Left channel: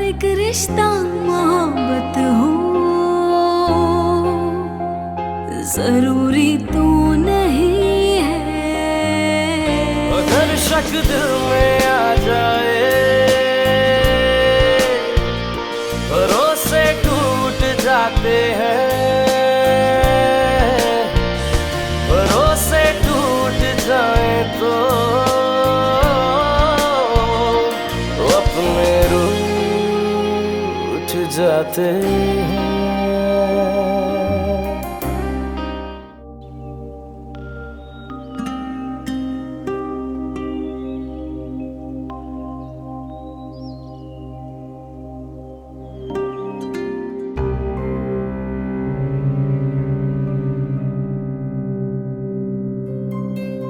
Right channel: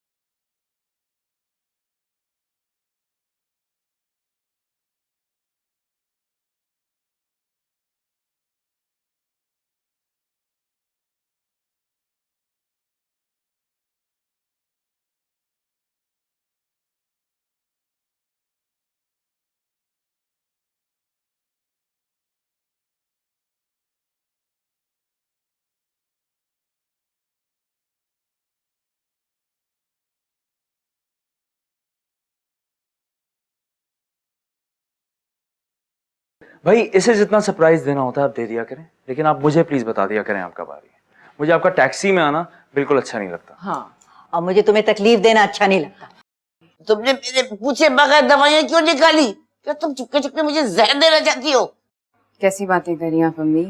हर एक रिश्ता मोहब्बत हो, जरूरी तो नहीं है। अगर शक दिल में आ जाए, भरोसे टूट जाते हैं, भरोसे टूट जाए तो अपने रूठ जाते हैं। भाई इसे जितना सरप्राइज देना होता है आप दे दिया करें, लेकिन आप मुझे प्लीज बता दिया करें आपका बात। मुझे आपका टैक्सी में आना बिल्कुल अच्छा नहीं लगता। हाँ, और मुझे तुम्हें तकलीफ देना अच्छा नहीं लगता। तुमने मेरे पूछे बगैर दवाइयाँ क्यों निकाली? क्या तुम चुपके चुपके मुझे जहर देना चाहती हो? कैसी बातें करी आप अम्मी?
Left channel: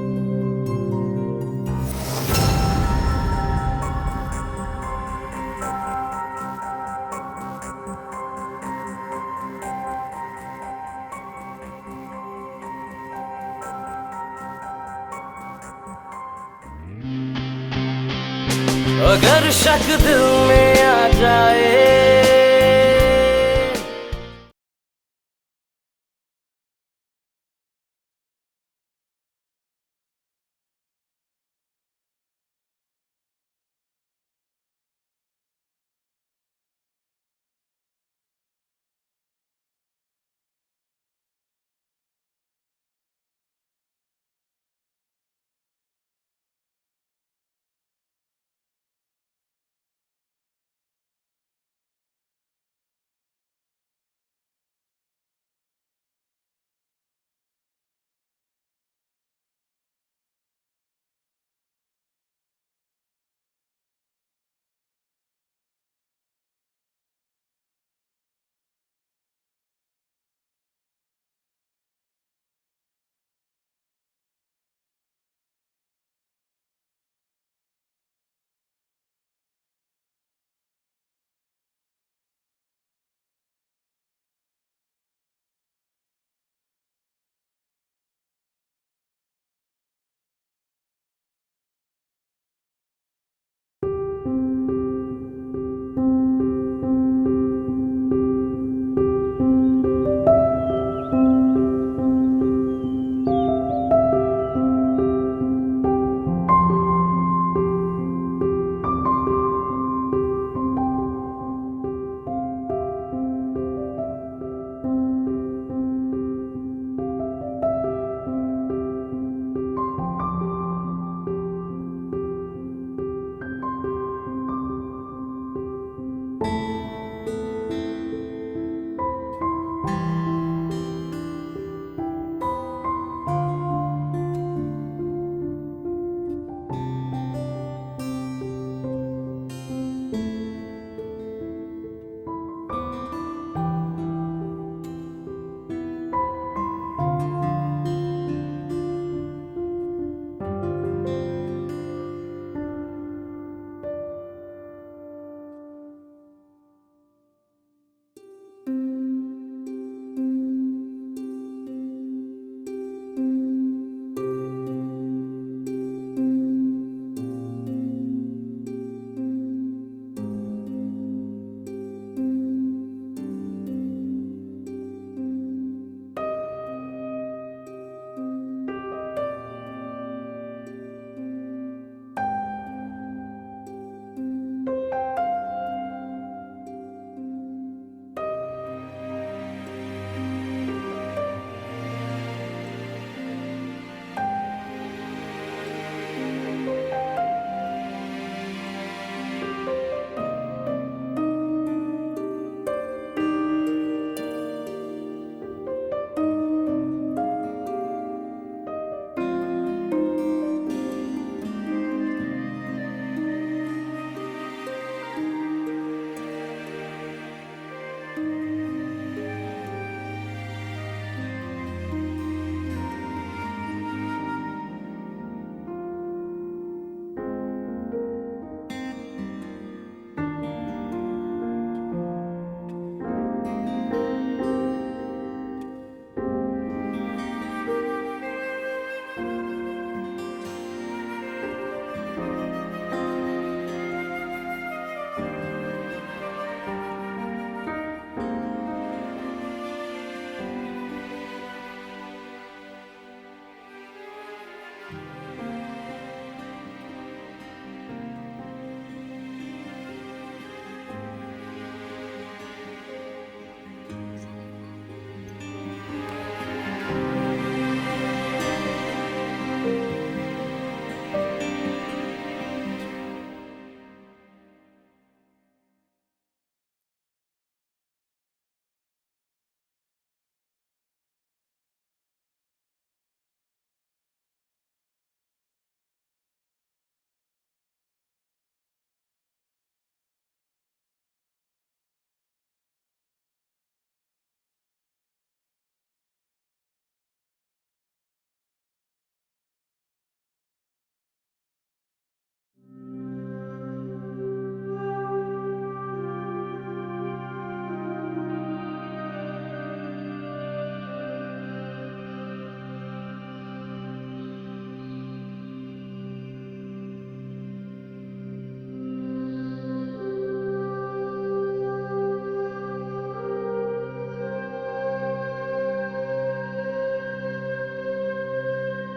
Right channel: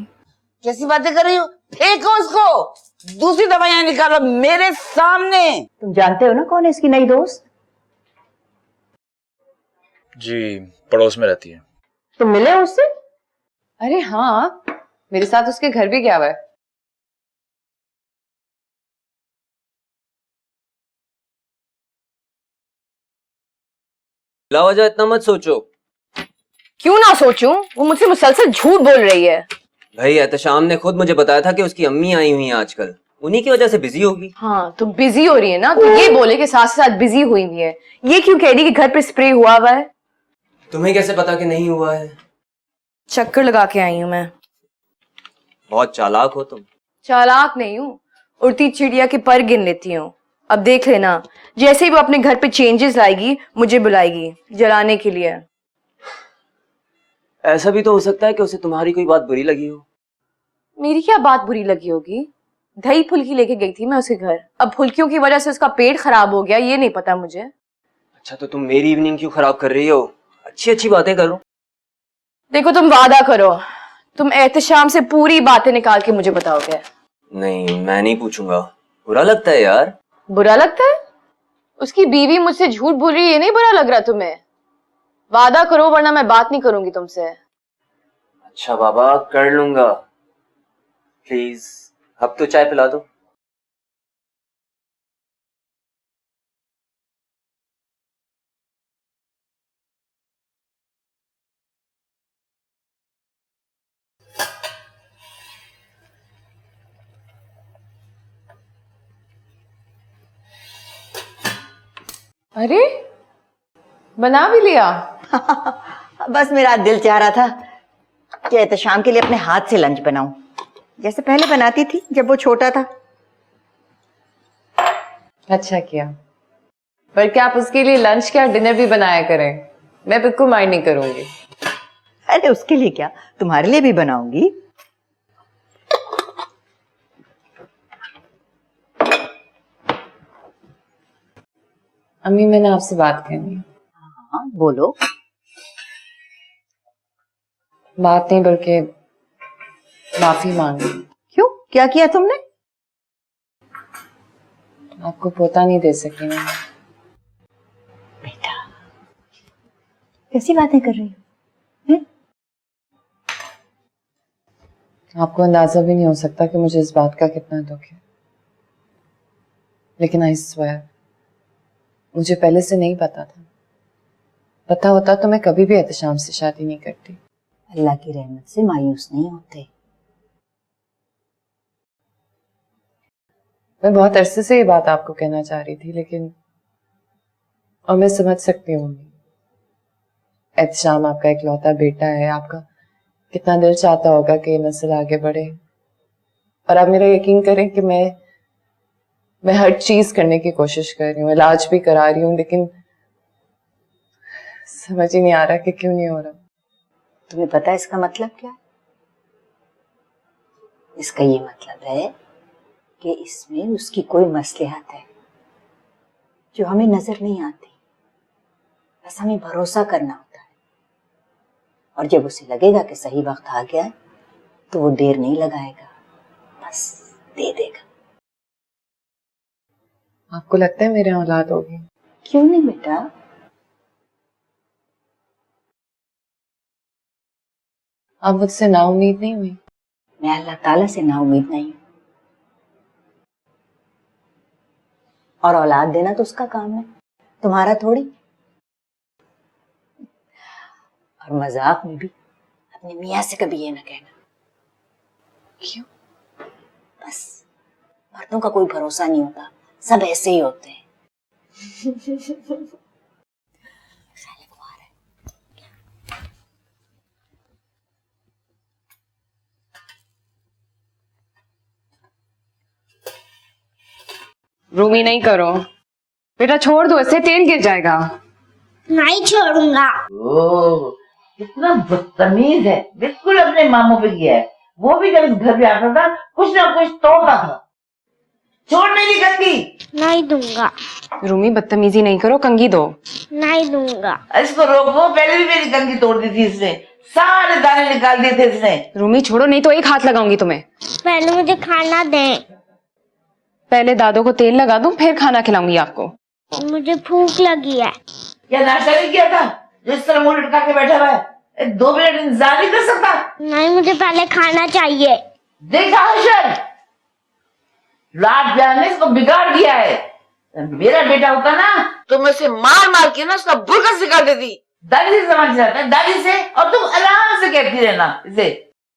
कैसी बातें कर रही हो? फेंको उसको, दूसरी दवाइयाँ निकालो मेरे सामने। तुम जानते हो ना कौन है इसकी नई दोस्त? जी पड़ोस में रहती है। तुम मिले हो उससे? अरे हाँ, मेरे साथ उसके घर भी गया हुआ है। अगर शक दिल में आ जाए, लावजा इतना मत सोचो। क्यों ना सोचूं? वो मुझसे मुसलसल झूठ बोल रही है। भाई एहतशाम ने खुद मुझे बताया था कि उसकी अम्मी आई हुई हैं आजकल, उन्हीं की वजह से बिजी होगी। हाँ, तो बिजी हो रही है ना, तो ये बोले कि साथ साथ बिजी हुई भी है। ये क्यों कह रही कि घर पे स्प्रे हुआ हुआ है? तुम्हें कैसे पता कि नहीं हुआ है? चक्कर लगा के आई हूँ मैं। बहुत चालाक हो तुम। चालाक नहीं हूँ, उड़ती चिड़िया के पर गिन लेती हूँ। अब देख लेना, जैसे ही वो अपने घर पे चेंजेस लाएगी मुझे बुलाएगी जलाने के लिए। ऐसा भी तो हो सकता है कि उसे तुम्हारी कोई बात बुरी लगी हो। मेरी क्या बात बुरी लगी होगी? दही फुल्की लेके गई थी मैं उसके घर। अब फुल्कियों की वजह से उसका पेट खराब हो गया, ये नहीं पता मुझे। अच्छा तो तुम मेरी इवनिंग क्यों खराब कर रही हो? अच्छी अच्छी बातें करो। देखो, तुम वादा करो, तुम एहतशाम से पूरी बातें निकाल के मुझे बताओगे। नहीं मैं नहीं पूछूंगा, बुरा लगता है यार। बुरा लगता है? उसकी बीवी मुझसे झूठ बोल रही है, ये नहीं बुरा लग रहा तुम्हें? वादा करो वरना मैं बात नहीं करूंगी तुमसे। अच्छा बाबा कर लूंगा, प्लीज अब तो चाय पिला दो। अरे बना भी लिया? बस मेरा दिल चाह रहा था कि एहतशाम के लिए अपने हाथ से लंच बनाऊं, जैसे पहले बनाती थी जब वो छोटा था। अच्छा किया, पर क्या आप उसके लिए लंच क्या डिनर भी बनाया करें? मैं बिल्कुल माइंड नहीं करूंगी। अरे उसके लिए क्या, तुम्हारे लिए भी बनाऊंगी। अम्मी मैंने आपसे बात करनी है। हाँ बोलो। बात नहीं बल्कि माफी मांगी। क्यों, क्या किया तुमने? आपको पोता नहीं दे सकी मैं। बेटा कैसी बातें कर रही हो? आपको अंदाजा भी नहीं हो सकता कि मुझे इस बात का कितना दुख है, लेकिन आई स्वेयर मुझे पहले से नहीं पता था। पता होता तो मैं कभी भी एहतशाम से शादी नहीं करती। अल्लाह की रहमत से मायूस नहीं होते। मैं बहुत अरसे से ये बात आपको कहना चाह रही थी, लेकिन और मैं समझ सकती हूँ, एहतशाम आपका इकलौता बेटा है, आपका कितना दिल चाहता होगा कि ये मसला आगे बढ़े। और आप मेरा यकीन करें कि मैं हर चीज करने की कोशिश कर रही हूँ, इलाज भी करा रही हूँ, लेकिन समझ ही नहीं आ रहा कि क्यों नहीं हो रहा। तुम्हें पता है इसका मतलब क्या? इसका ये मतलब है कि इसमें उसकी कोई मसलहत है जो हमें नजर नहीं आती। बस हमें भरोसा करना होता है, और जब उसे लगेगा कि सही वक्त आ गया तो वो देर नहीं लगाएगा, बस दे देगा। आपको लगता है मेरे औलाद होगी? क्यों नहीं बेटा, आप मुझसे नाउम्मीद नहीं हुई? मैं अल्लाह ताला से नाउम्मीद नहीं। और औलाद देना तो उसका काम है, तुम्हारा थोड़ी। मजाक में भी अपने मियाँ से कभी ये ना कहना। क्यों? बस मर्दों का कोई भरोसा नहीं होता, सब ऐसे ही होते हैं। रूमी नहीं करो बेटा, छोड़ दो, इससे तेल गिर जाएगा। नहीं छोड़ूंगा। ओह, कितना बदतमीज है, बिल्कुल अपने मामू पे किया है। वो भी जब इस घर पे आता था कुछ ना कुछ तोड़ता था। छोड़ मेरी कंगी। नहीं दूंगा। रूमी बदतमीजी नहीं करो, कंगी दो। नहीं दूंगा। इसको रोको, पहले भी मेरी कंगी तोड़ दी थी इसने, सारे दाने निकाल दिए थे इसने। रूमी छोड़ो, नहीं तो एक हाथ लगाऊंगी तुम्हें। पहले मुझे खाना दें। पहले दादों को तेल लगा दूं, फिर खाना खिलाऊंगी आपको। मुझे भूख लगी है। क्या नाश्ता नहीं किया था जो इस तरह मुंह लटका के बैठा हुआ है? 2 मिनट इंतजार नहीं कर सकता? नहीं, मुझे पहले खाना चाहिए। देखा हर्षद, रात प्यार ने इसको बिगाड़ दिया है। मेरा बेटा होता ना तो मैं उसे मार मार के ना उसका बुर्का निकाल देती। दादी से समझ जाता है, दादी से, और तुम आराम से कहती रहना इसे।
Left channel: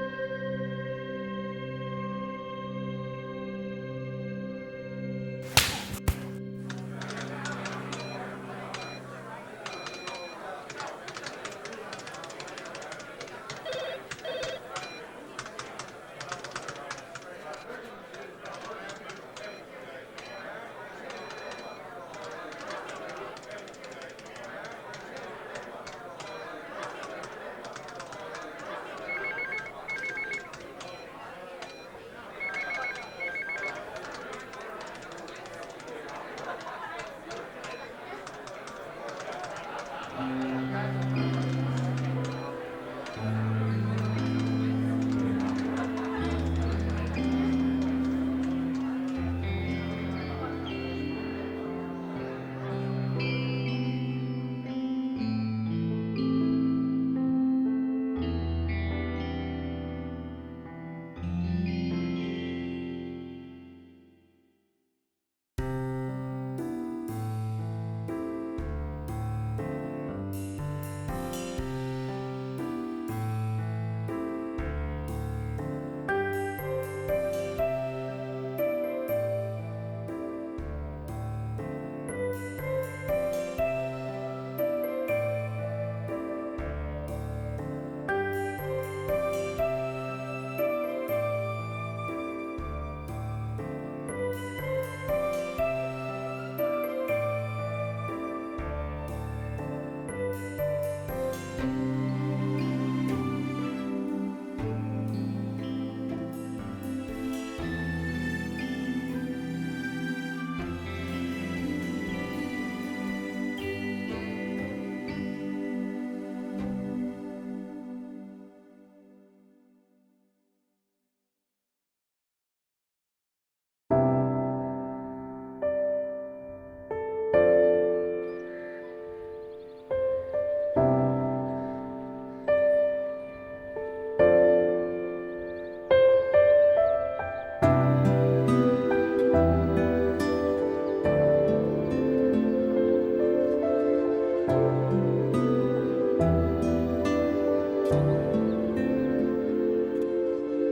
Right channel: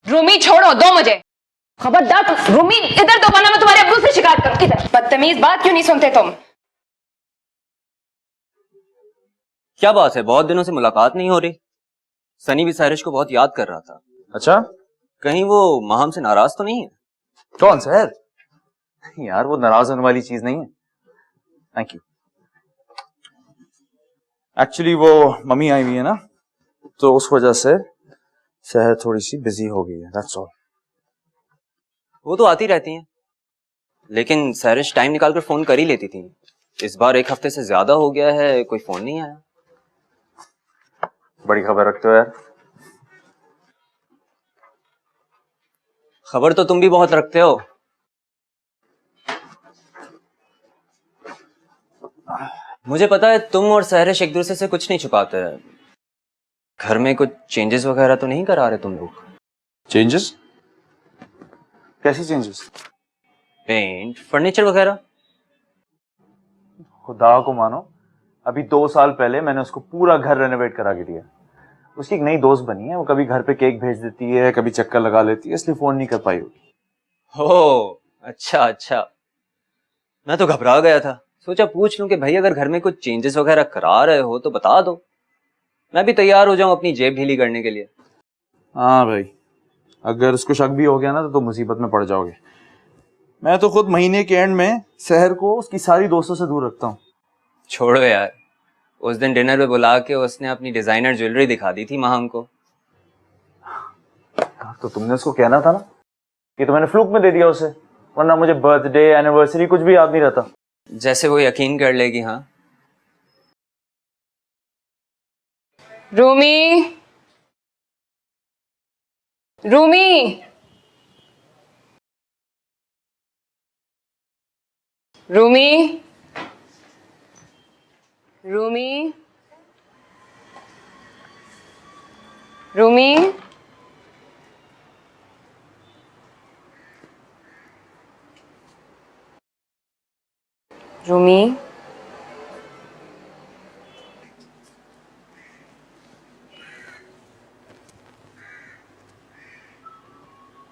रूमी छोड़ो, दो मुझे। खबरदार रूमी, इधर दो वरना मैं तुम्हारे अब्बू से शिकायत करूं। इधर। बदतमीज, बात क्यों नहीं सुनते तुम? क्या बात है, बहुत दिनों से मुलाकात नहीं हो रही। सनी भी सारिश को बहुत याद कर रहा था। अच्छा, कहीं वो माहम से नाराज तो नहीं है? कौन सर? यार वो नाराज होने वाली चीज नहीं है। Thank you. एक्चुअली वो मम्मी आई हुई है ना, तो उस वजह से शहर थोड़ी सी बिजी हो गई, दैट्स ऑल। वो तो आती रहती हैं, लेकिन सारिश टाइम निकाल कर फ़ोन कर ही लेती थी। इस बार 1 हफ्ते से ज़्यादा हो गया है, कोई फ़ोन नहीं आया। बड़ी खबर रखते हो यार। खबर तो तुम भी बहुत रखते हो। मुझे पता है तुम और सारिश एक दूसरे से कुछ नहीं छुपाते हैं। घर में कुछ चेंजेस वगैरह तो नहीं करा रहे तुम लोग? चेंजेस? कैसी चेंजेस? पेंट, फर्नीचर वगैरह? खुदा को मानो, अभी 2 साल पहले मैंने उसको पूरा घर रेनोवेट करा के दिया। उसकी एक नई दोस्त बनी है, वो कभी घर पे केक भेज देती है, कभी चक्कर लगा लेती है, इसलिए फोन नहीं कर पाई। ओह अच्छा अच्छा, मैं तो घबरा गया था। सोचा पूछ लूं कि भाई अगर घर में कुछ चेंजेस वगैरह करा रहे हो तो बता दो, मैं भी तैयार हो जाऊं अपनी जेब ढीली करने के लिए। हाँ भाई, अगर उसको शक भी हो गया ना तो मुसीबत में पड़ जाओगे। मैं तो खुद महीने के एंड में शहर को उसकी सारी दोस्तों से दूर रखता हूँ। छोड़ो यार, उस दिन डिनर पे बुला के उसने अपनी डिजाइनर ज्वेलरी दिखा दी थी महंग को। तो तुमने उसको कहना था ना, ये तो मैंने फ्लूक में दे दिया उसे, वरना मुझे बर्थडे एनिवर्सरी कुछ भी याद नहीं रहता। जैसे वो यकीन कर लेगी। हाँ रूमी, रूमी, रूमी, रूमी, रूमी, रूमी,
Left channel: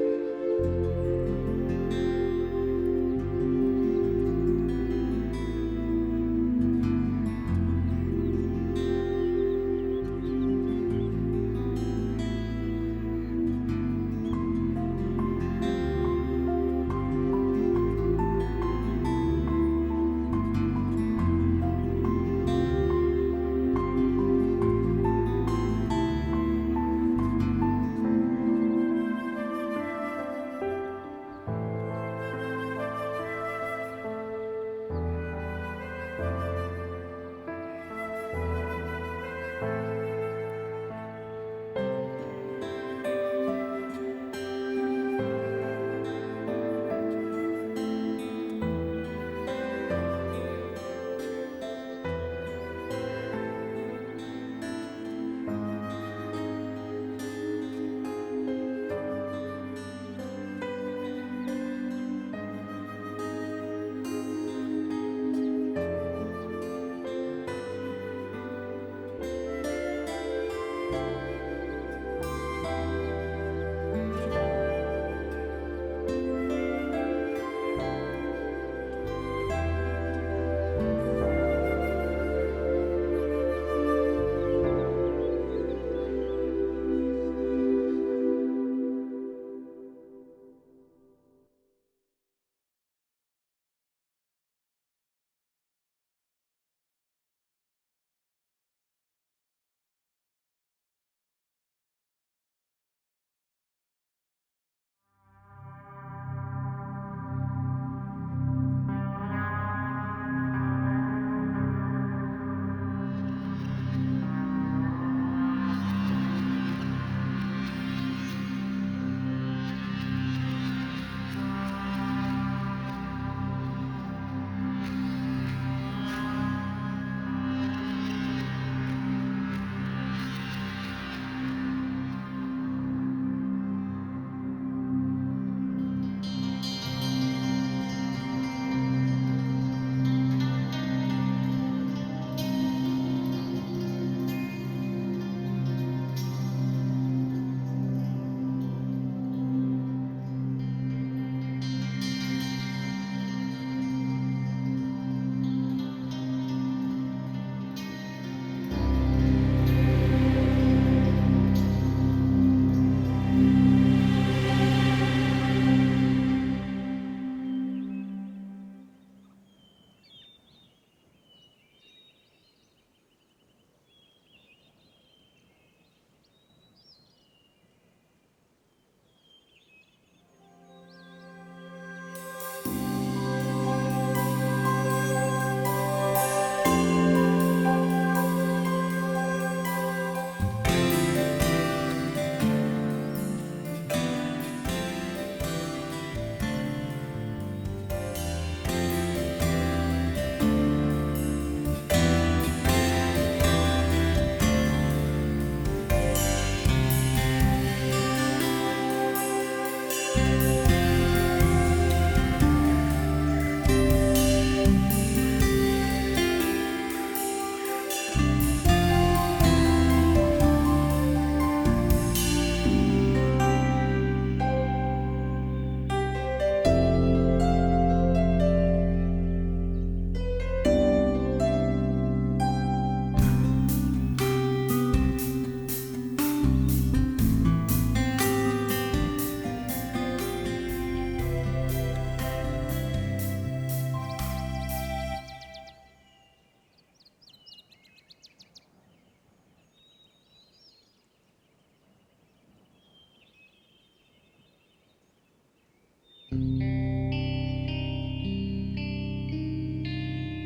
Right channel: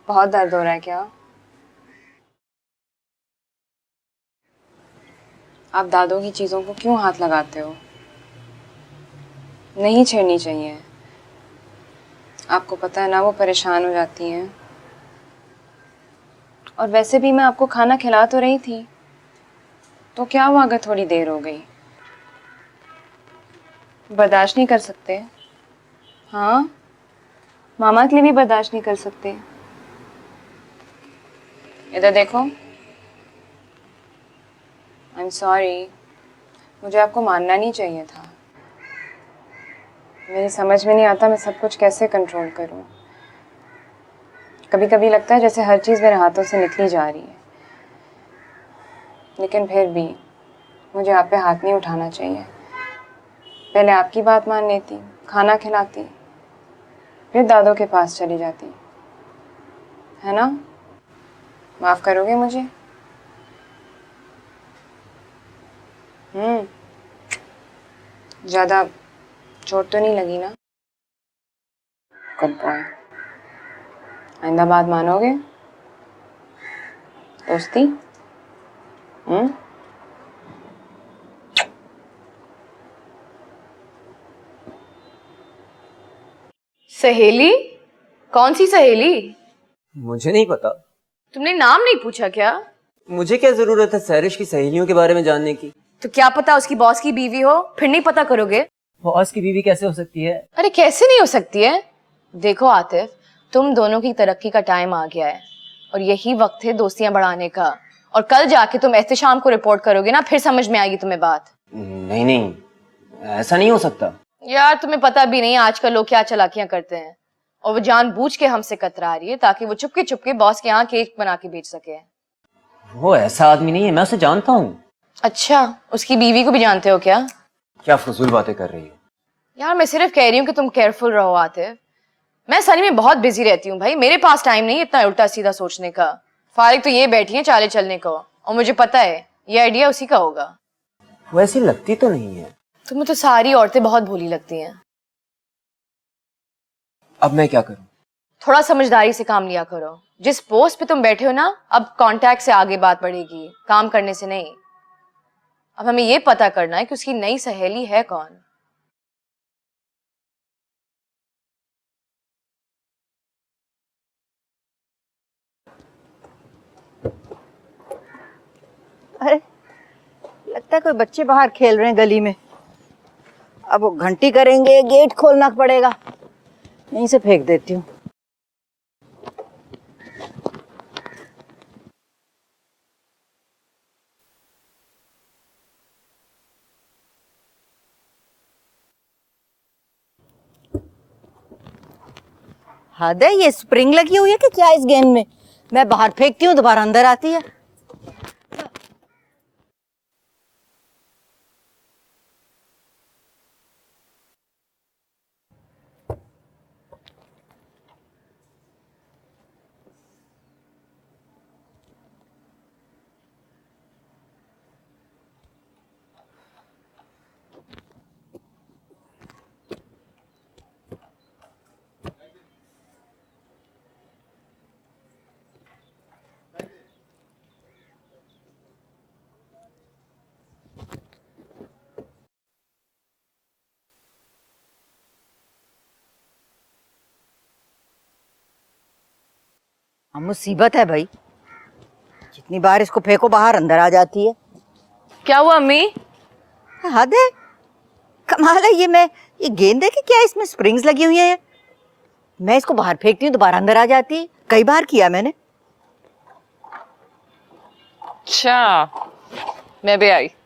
बहुत दर्द हो रहा है क्या? आप दादों की चीजों को क्यों हाथ लगाते हो? नहीं छेड़नी चाहिए। आपको पता है ना वो परेशान हो जाती हैं। और वैसे भी मैं आपको खाना खिला तो रही थी, तो क्या हुआ अगर थोड़ी देर हो गई? बर्दाश्त नहीं कर सकते? हाँ, मामा के लिए भी बर्दाश्त नहीं कर सकते? इधर देखो। आई एम सॉरी, मुझे आपको मानना नहीं चाहिए था। मेरी समझ में नहीं आता मैं सब कुछ कैसे कंट्रोल करूं। कभी कभी लगता है जैसे हर चीज़ मेरे हाथों से निकली जा रही है, लेकिन फिर भी मुझे आप पे हाथ नहीं उठाना चाहिए। पहले आपकी बात मान लेती, खाना खिलाती, फिर दादों के पास चली जाती, है ना? माफ करोगे मुझे? ज्यादा चोट तो नहीं लगी ना? Good boy. आइंदा बात मानोगे? दोस्ती? सहेली? कौन सी सहेली? मुझे नहीं पता। तुमने नाम नहीं पूछा क्या? मुझे क्या जरूरत है सहरिश की सहेलियों के बारे में जानने की? तो क्या पता उसकी बॉस की बीवी हो, फिर नहीं पता करोगे? बॉस की बीवी कैसे हो सकती है? अरे कैसे नहीं हो सकती है? देखो आतिफ, तुम दोनों की तरक्की का टाइम आ गया है और यही वक्त है दोस्तियां बढ़ाने का। और कल जाके तुम एहतशाम को रिपोर्ट करोगे ना, फिर समझ में आएगी तुम्हें बात। नहीं नहीं, ऐसा नहीं हो सकता। यार तुम्हें पता भी नहीं आजकल लोग क्या चालाकियां करते हैं, और वो जानबूझ के हमसे कतरा रही है ताकि वो चुपके चुपके बॉस के यहाँ केक बना के बेच सके। वो ऐसा आदमी नहीं है, मैं उसे जानता हूँ। अच्छा, उसकी बीवी को भी जानते हो क्या? क्या फजूल बातें कर रही है? यार मैं सिर्फ कह रही हूँ कि तुम केयरफुल रहो आतिफ। मैं सनी में बहुत बिजी रहती हूँ भाई, मेरे पास टाइम नहीं इतना उल्टा सीधा सोचने का। फारिग तो ये बैठी है चाले चलने को, और मुझे पता है ये आइडिया उसी का होगा। वैसी लगती तो नहीं है। तुम्हें तो सारी औरतें बहुत भोली लगती हैं। अब मैं क्या करूं? थोड़ा समझदारी से काम लिया करो। जिस पोस्ट पे तुम बैठे हो ना, अब कांटेक्ट से आगे बात बढ़ेगी, काम करने से नहीं। अब हमें ये पता करना है कि उसकी नई सहेली है कौन। अरे लगता है कोई बच्चे बाहर खेल रहे हैं गली में। अब वो घंटी करेंगे, गेट खोलना पड़ेगा। यहीं से फेंक देती हूँ। हद है, ये स्प्रिंग लगी हुई है कि क्या इस गेंद में? मैं बाहर फेंकती हूँ, दोबारा अंदर आती है। मुसीबत है भाई, जितनी बार इसको फेंको बाहर अंदर आ जाती है। क्या हुआ अम्मी? हद है, कमाल है। ये गेंद है कि क्या इसमें स्प्रिंग्स लगी हुई है? मैं इसको बाहर फेंकती हूँ, दोबारा अंदर आ जाती है। कई बार किया मैंने। अच्छा, मैं भी आई।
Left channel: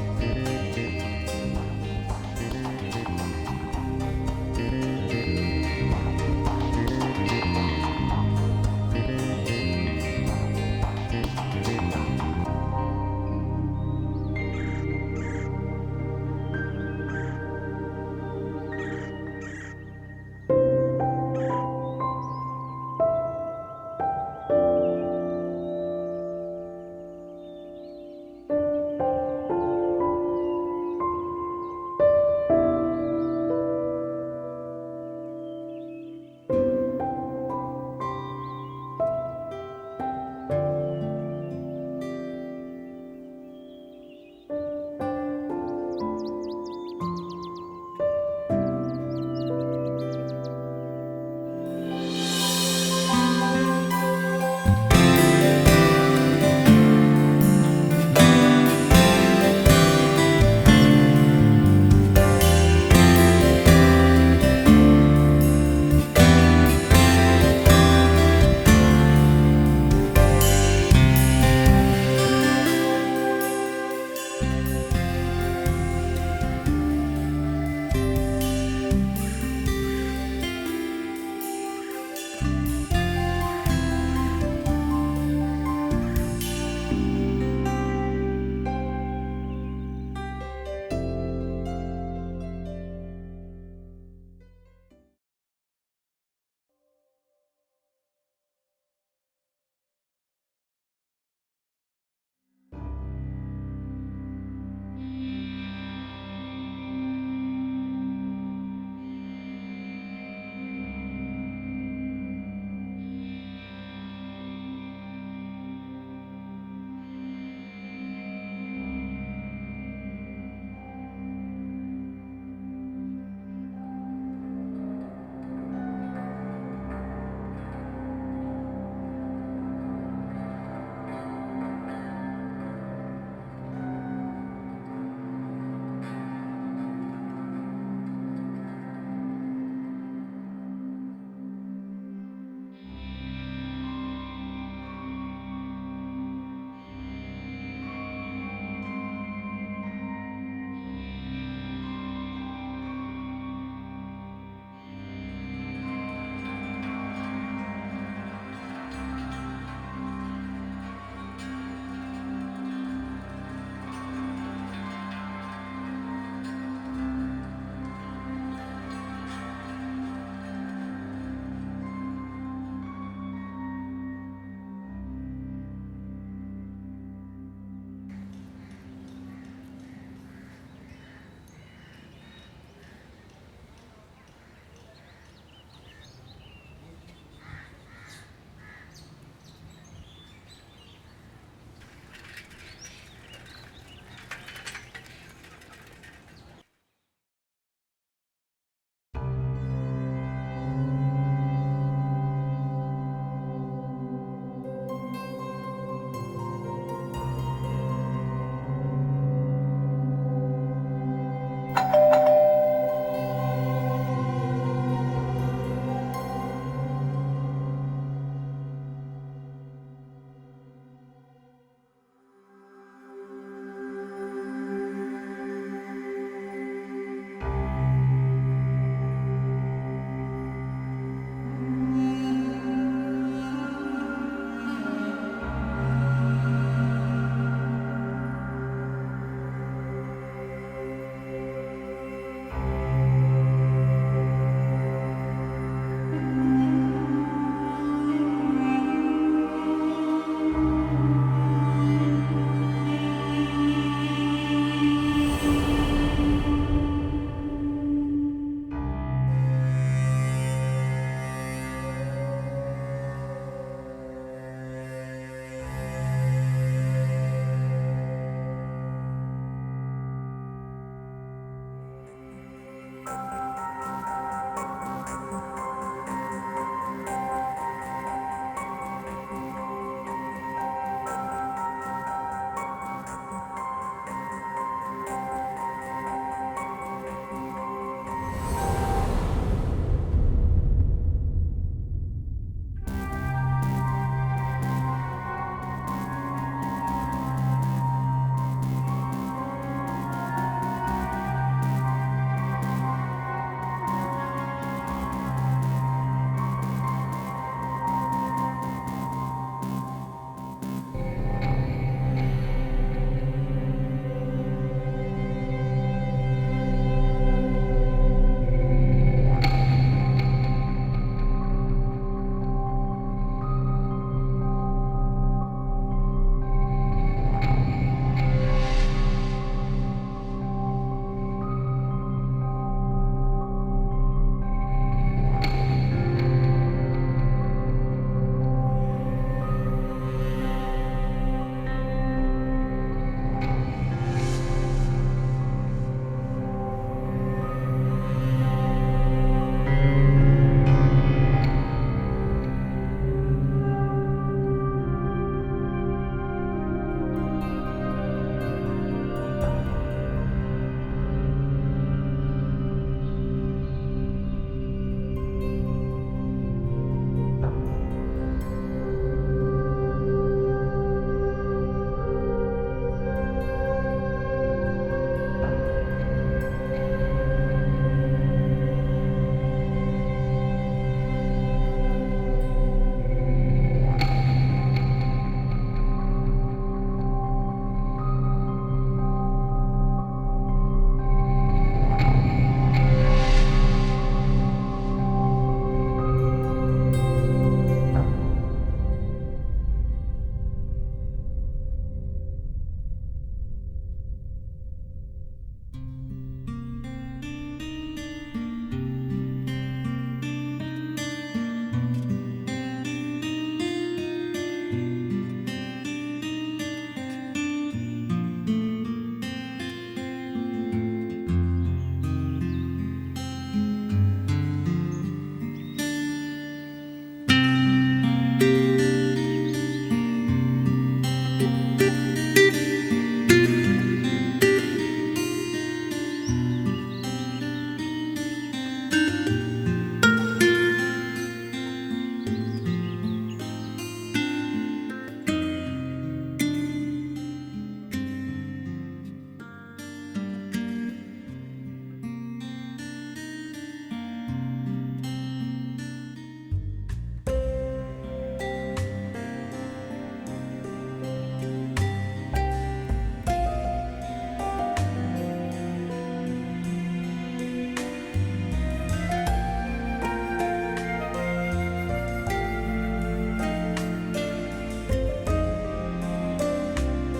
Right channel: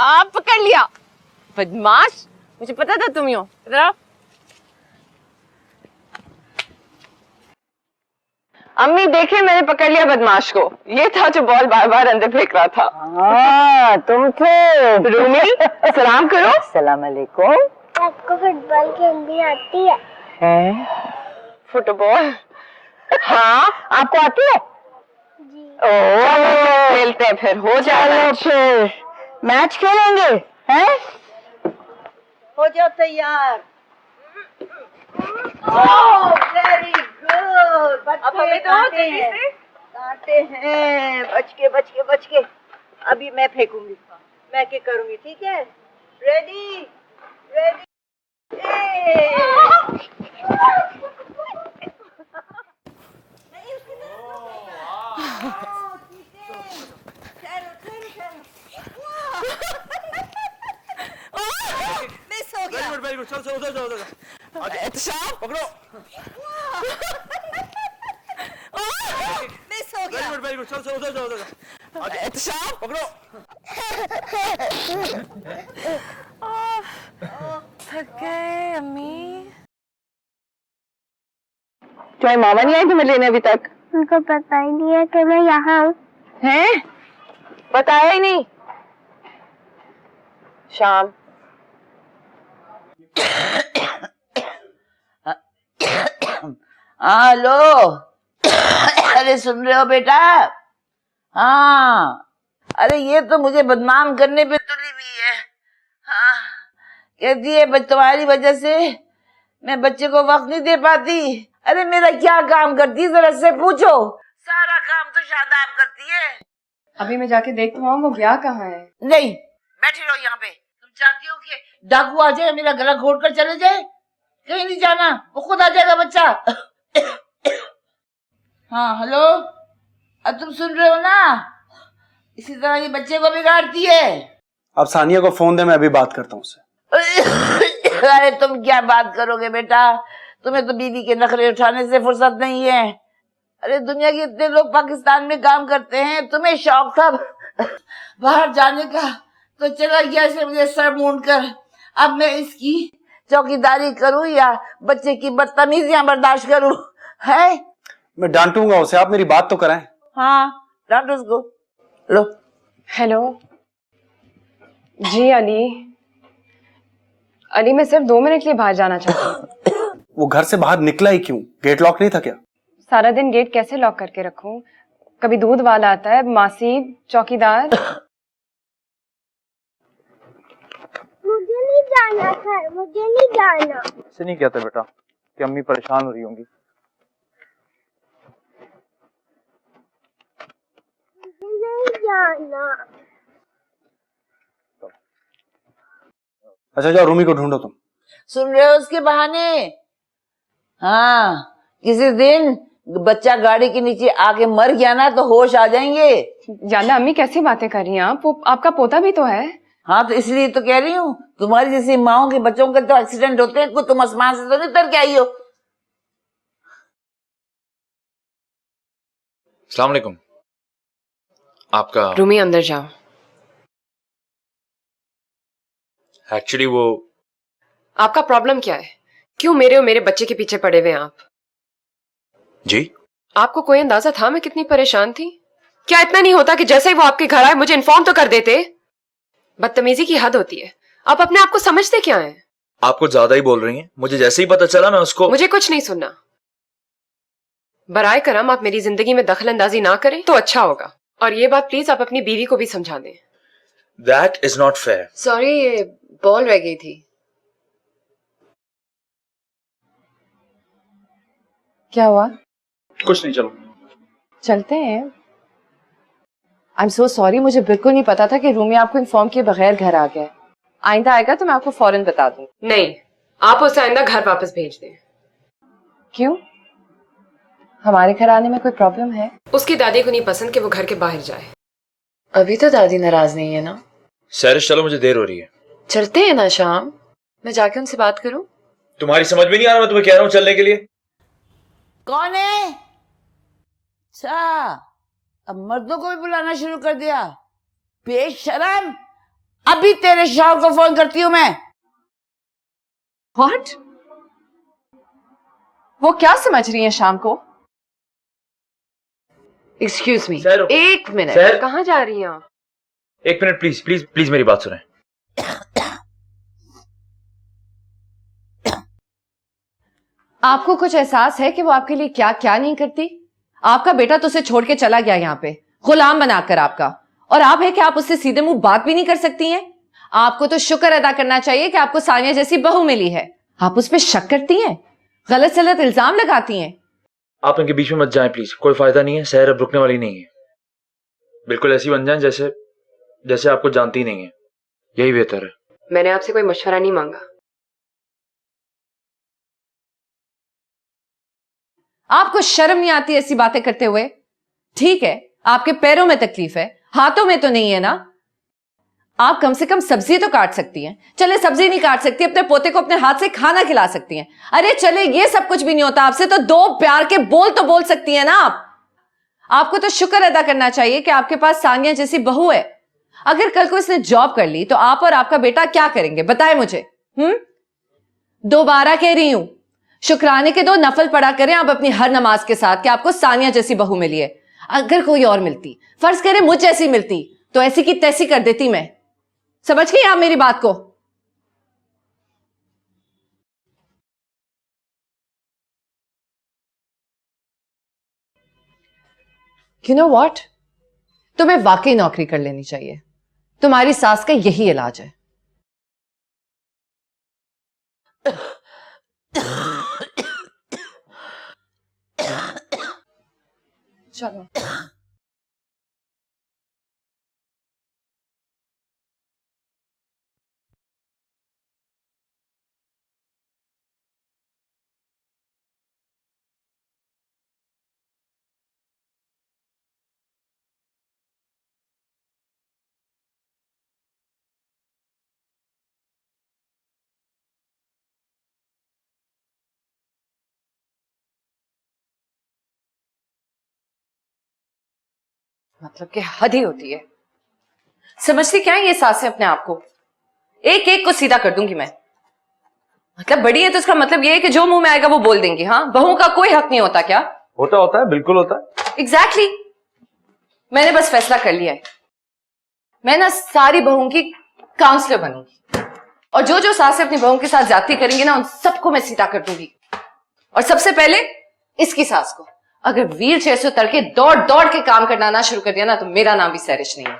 आप पकड़ लिया, बदमाश। मुझे पता था तुम ही हो। जरा अम्मी देखे, मैंने पकड़ लिया बदमाश को। ये था जो बॉल बार बार अंदर फेंक रहा था। तुम थे। रूमी, सलाम करो। सलाम अलैकुम। आपको फुटबॉल खेलनी आती है? फुटबॉल? हाँ, आपको आती है? खेलते हैं फिर, हो जाएगा। फिर मैच खेलेंगे, हैं? हो जाओ तैयार। Very good. अब हमें तो जल्दी से कांटे हैं। बच के बच के बच के। अभी मैं फेंकूंगी, मैं क्या करूंगी, ठीक है? Ready ready. क्या मामा नहीं आई तुम्हें लेने अभी तक? मुझे पता ही नहीं है कि मैं यहाँ हूँ। हैं? बताया ही नहीं। शाम। हाँ हेलो। अरे सुन रहे हो बेटा? हाँ, अरे ये तो मुझे बदनाम करने पे तुली हुई है। हाँ, कहती है तुम्हारी वजह से मैं बच्चे को वक्त नहीं दे पाती। अरे मेरा क्या काम करती है जरा से पूछो, सारा काम तो शादाब करती है। अभी मैं जाके देखती हूँ वो गया कहाँ है। नहीं, बैठे रहो यहाँ पे। तुम चाहती हो कि डाकू आ जाए मेरा गला घोट कर चले जाए? कहीं नहीं जाना, वो खुद आ जाएगा बच्चा। हाँ हेलो, अब तुम सुन रहे हो ना? इसी तरह ये बच्चे को बिगाड़ती है। अब सानिया को फोन दे, मैं अभी बात करता हूँ उससे। अरे तुम क्या बात करोगे बेटा, तुम्हें तो बीवी के नखरे उठाने से फुर्सत नहीं है। अरे दुनिया के इतने लोग पाकिस्तान में काम करते हैं, तुम्हें शौक था बाहर जाने का तो चला गया इसे मुझे सर मूंड कर। अब मैं इसकी चौकीदारी करूं या बच्चे की बदतमीजियां बर्दाश्त करूं? है मैं डांटूंगा उसे, आप मेरी बात तो कराएं। हाँ डांटो उसको। लो। हेलो जी अली, अली मैं सिर्फ 2 मिनट के लिए बाहर जाना चाहती हूँ। वो घर से बाहर निकला ही क्यों? गेट लॉक नहीं था क्या? सारा दिन गेट कैसे लॉक करके रखूं? कभी दूध वाला आता है, मासी, चौकीदार। मुझे नहीं जाना सर, मुझे नहीं जाना। ऐसे नहीं कहते बेटा कि अम्मी परेशान हो रही होंगी। मुझे नहीं जाना। अच्छा जाओ, रूमी को ढूंढो तुम। सुन रहे हो उसके बहाने? हाँ, किसी दिन बच्चा गाड़ी के नीचे आके मर गया ना तो होश आ जाएंगे। जाना अम्मी कैसी बातें कर रही हैं आप? वो आपका पोता भी तो है। हाँ तो इसलिए तो कह रही हूँ, तुम्हारी जैसी माओं के बच्चों के तो एक्सीडेंट होते हैं, तुम आसमान से तो नहीं उतर के आई हो। अस्सलाम वालेकुम। आपका रूमी अंदर जाओ। एक्चुअली वो आपका प्रॉब्लम क्या है? क्यों मेरे और मेरे बच्चे के पीछे पड़े हुए हैं आप? जी आपको कोई अंदाजा था मैं कितनी परेशान थी? क्या इतना नहीं होता कि जैसे ही वो आपके घर आए मुझे इन्फॉर्म तो कर देते? बदतमीजी की हद होती है। आप अपने आप को समझते क्या हैं? आप कुछ ज्यादा ही बोल रही हैं। मुझे जैसे ही पता चला मैं उसको। मुझे कुछ नहीं सुनना। बराए करम आप मेरी जिंदगी में दखल अंदाजी ना करें तो अच्छा होगा। और ये बात प्लीज आप अपनी बीवी को भी समझा दें। That is not fair. Sorry, ये बॉल रह गई थी। क्या हुआ? कुछ नहीं, चलो चलते हैं। आई एम सो सॉरी, मुझे बिल्कुल नहीं पता था कि रूमी आपको इन्फॉर्म किए बगैर घर आ गया। आइंदा आएगा तो मैं आपको फौरन बता दूं। नहीं, आप उसे आइंदा घर वापस भेज दें। क्यों? हमारे घर आने में कोई प्रॉब्लम है? उसकी दादी को नहीं पसंद कि वो घर के बाहर जाए। अभी तो दादी नाराज नहीं है ना? सैरिश चलो, मुझे देर हो रही है। चलते हैं ना शाम, मैं जाके उनसे बात करूं। तुम्हारी समझ में नहीं आ रहा, मैं तुम्हें कह रहा हूँ चलने के लिए। कौन है? अच्छा, अब मर्दों को भी बुलाना शुरू कर दिया। बेशरम। अभी तेरे शौहर को फोन करती हूँ मैं। व्हाट? वो क्या समझ रही है शाम को? एक्सक्यूज मी, एक मिनट। कहाँ जा रही हैं आप? एक मिनट प्लीज प्लीज प्लीज मेरी बात सुने। आपको कुछ एहसास है कि वो आपके लिए क्या क्या नहीं करती? आपका बेटा तो उसे छोड़ के चला गया यहाँ पे, गुलाम बनाकर आपका, और आप है कि आप उससे सीधे मुंह बात भी नहीं कर सकती हैं। आपको तो शुक्र अदा करना चाहिए कि आपको सानिया जैसी बहू मिली है। आप उस पर शक करती हैं, गलत सलत इल्जाम लगाती हैं। आप इनके बीच में मत जाएं प्लीज, कोई फायदा नहीं है। सहर अब रुकने वाली नहीं है। बिल्कुल ऐसी बन जाएं जैसे जैसे आपको जानती नहीं है, यही बेहतर है। मैंने आपसे कोई मशवरा नहीं मांगा। आपको शर्म नहीं आती ऐसी बातें करते हुए? ठीक है, आपके पैरों में तकलीफ है, हाथों में तो नहीं है ना। आप कम से कम सब्जी तो काट सकती हैं। चले सब्जी नहीं काट सकती, अपने पोते को अपने हाथ से खाना खिला सकती हैं। अरे चले ये सब कुछ भी नहीं होता आपसे, तो 2 प्यार के बोल तो बोल सकती हैं ना आप। आपको तो शुक्र अदा करना चाहिए कि आपके पास सानिया जैसी बहू है। अगर कल को इसने जॉब कर ली तो आप और आपका बेटा क्या करेंगे बताएं मुझे। दोबारा कह रही हूं, शुक्राने के 2 नफल पढ़ा करें आप अपनी हर नमाज के साथ कि आपको सानिया जैसी बहू मिली है। अगर कोई और मिलती, फर्ज करें मुझ जैसी मिलती, तो ऐसी की तैसी कर देती मैं। समझ गई आप मेरी बात को? You know what? तुम्हें वाकई नौकरी कर लेनी चाहिए। तुम्हारी सास का यही इलाज है। चलो। कि हद ही होती है। समझती क्या है ये सासें अपने आप को? एक एक को सीधा कर दूंगी मैं। मतलब बड़ी है तो इसका मतलब ये है कि जो मुंह में आएगा वो बोल देंगी। हाँ, बहू का कोई हक नहीं होता क्या? होता है, बिल्कुल होता है। एग्जैक्टली मैंने बस फैसला कर लिया है, मैं ना सारी बहू की काउंसलर बनूंगी और जो जो सासें अपनी बहू के साथ ज्यादती करेंगी ना उन सबको मैं सीधा कर दूंगी। और सबसे पहले इसकी सास को। अगर वीर जैसे उतर के दौड़ दौड़ के काम करना ना शुरू कर दिया ना तो मेरा नाम भी सैरिश नहीं है,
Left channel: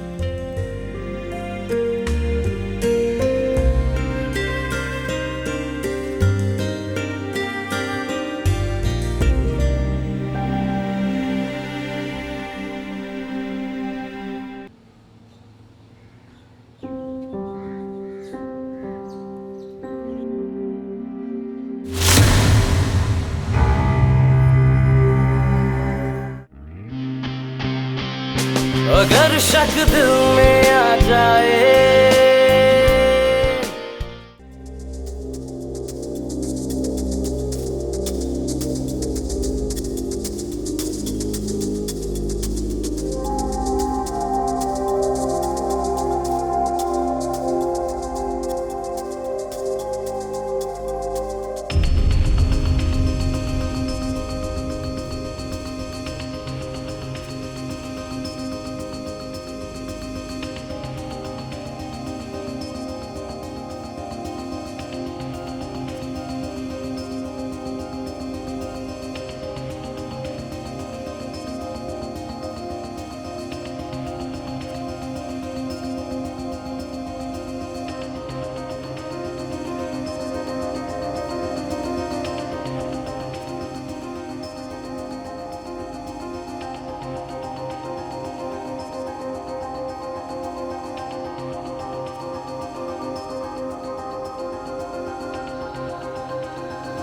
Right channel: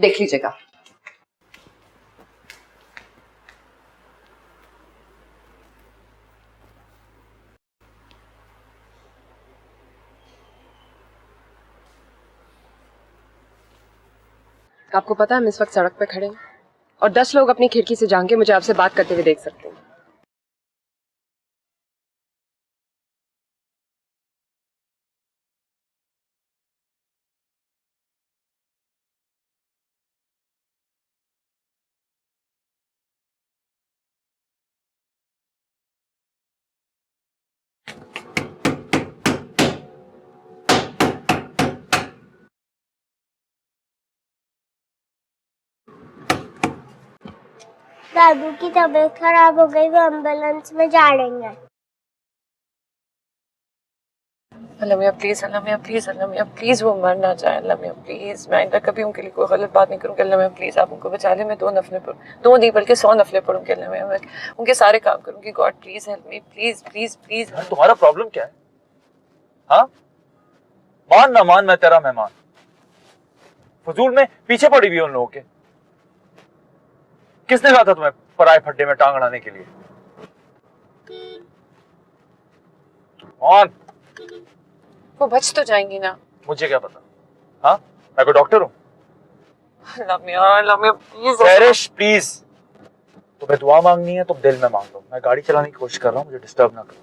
देख लीजिएगा। आपको पता है हम इस वक्त सड़क पे खड़े हैं और 10 लोग अपनी खिड़की से झांक के मुझे आपसे बात करते हुए देख सकते हैं। अगर शक दिल में आ जाए दादू की तबीयत खराब हो गई, वो एम्बुलेंस में जा रही है। Lamya please, Lamya please, Lamya please, वो मर ना जाए। लम्या प्लीज, मैं आइंदा कभी उनके लिए कोई गलत बात नहीं करूँगी। लम्या प्लीज, आप उनको बचा लें। मैं 2 नफले पढ़ूँ, 2 नहीं बल्कि 100 नफले पढ़ूँगी। लम्या मैं उनके सारे काम करूँगी। God please help me, please please please. तुम्हारा प्रॉब्लम क्या है? हाँ, मान ना मान, मैं तेरा मेहमान। हुजूर में पीछे पड़ी हुई उन लोगों के। किसने कहा था तुम्हें पराए फड्डे में टांग अड़ाने के लिए? और वो बच तो जाएंगी ना? मुझे क्या पता? हाँ, मैं कोई डॉक्टर हूँ? लम्या प्लीज, सैरिश प्लीज, तुम्हें दुआ मांगनी है तो दिल में मांगो। मैं गाड़ी चलाने की कोशिश कर रहा हूँ, डिस्टर्ब ना करो।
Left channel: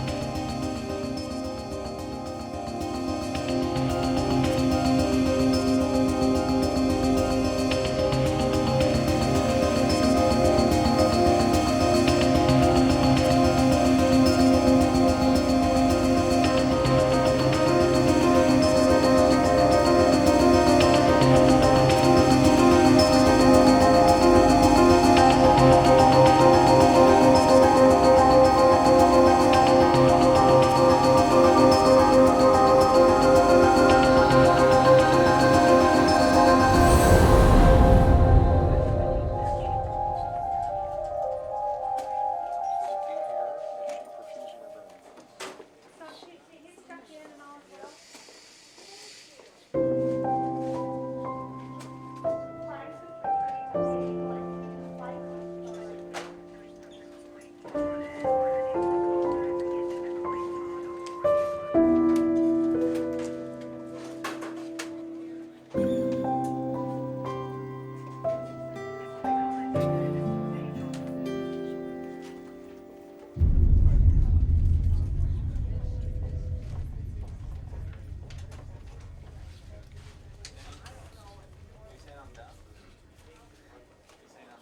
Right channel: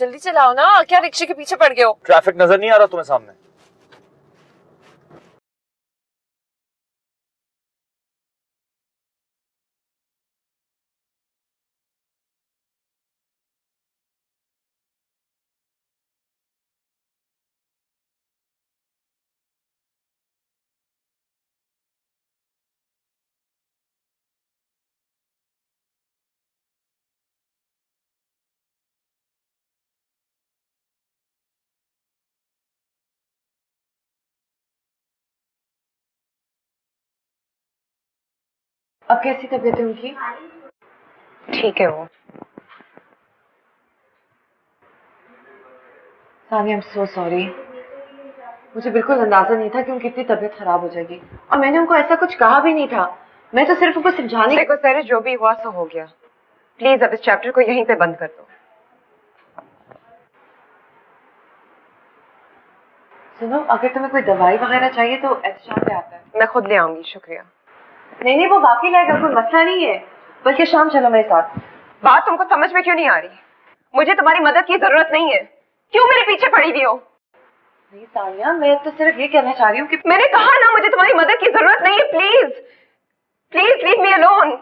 जल्दी चलाओ ना, क्या रिक्शे के पीछे पड़ गए हो? ट्रैफिक नजर नहीं आ रहा तुम्हें सामने? अब कैसी तबीयत है उनकी? ठीक है वो। Sania, I am so sorry. मुझे बिल्कुल अंदाजा नहीं था कि उनकी इतनी तबीयत खराब हो जाएगी और मैंने उनको ऐसा कुछ कहा भी नहीं था। मैं तो सिर्फ उनको समझाने। देखो सैरिश, जो भी हुआ सो हो गया। प्लीज अब इस चैप्टर को यहीं पे बंद करो। सुनो, अगर तुम्हें कोई दवाई वगैरह चाहिए तो एहतशाम पे आना। मैं खुद ले आऊंगी। शुक्रिया। नहीं, वो बाकी लाएगा, कोई मसला नहीं है। बल्कि शाम चलो मेरे साथ। बात तुमको समझ में क्यों नहीं आ रही? मुझे तुम्हारी मदद की जरूरत नहीं है। क्यों मेरे पीछे पड़ी हुई हो? तानिया, मैं तो सिर्फ ये कहना चाह रही हूँ कि मैंने कहा ना, मुझे तुम्हारी मदद की जरूरत नहीं है। Please please leave me alone.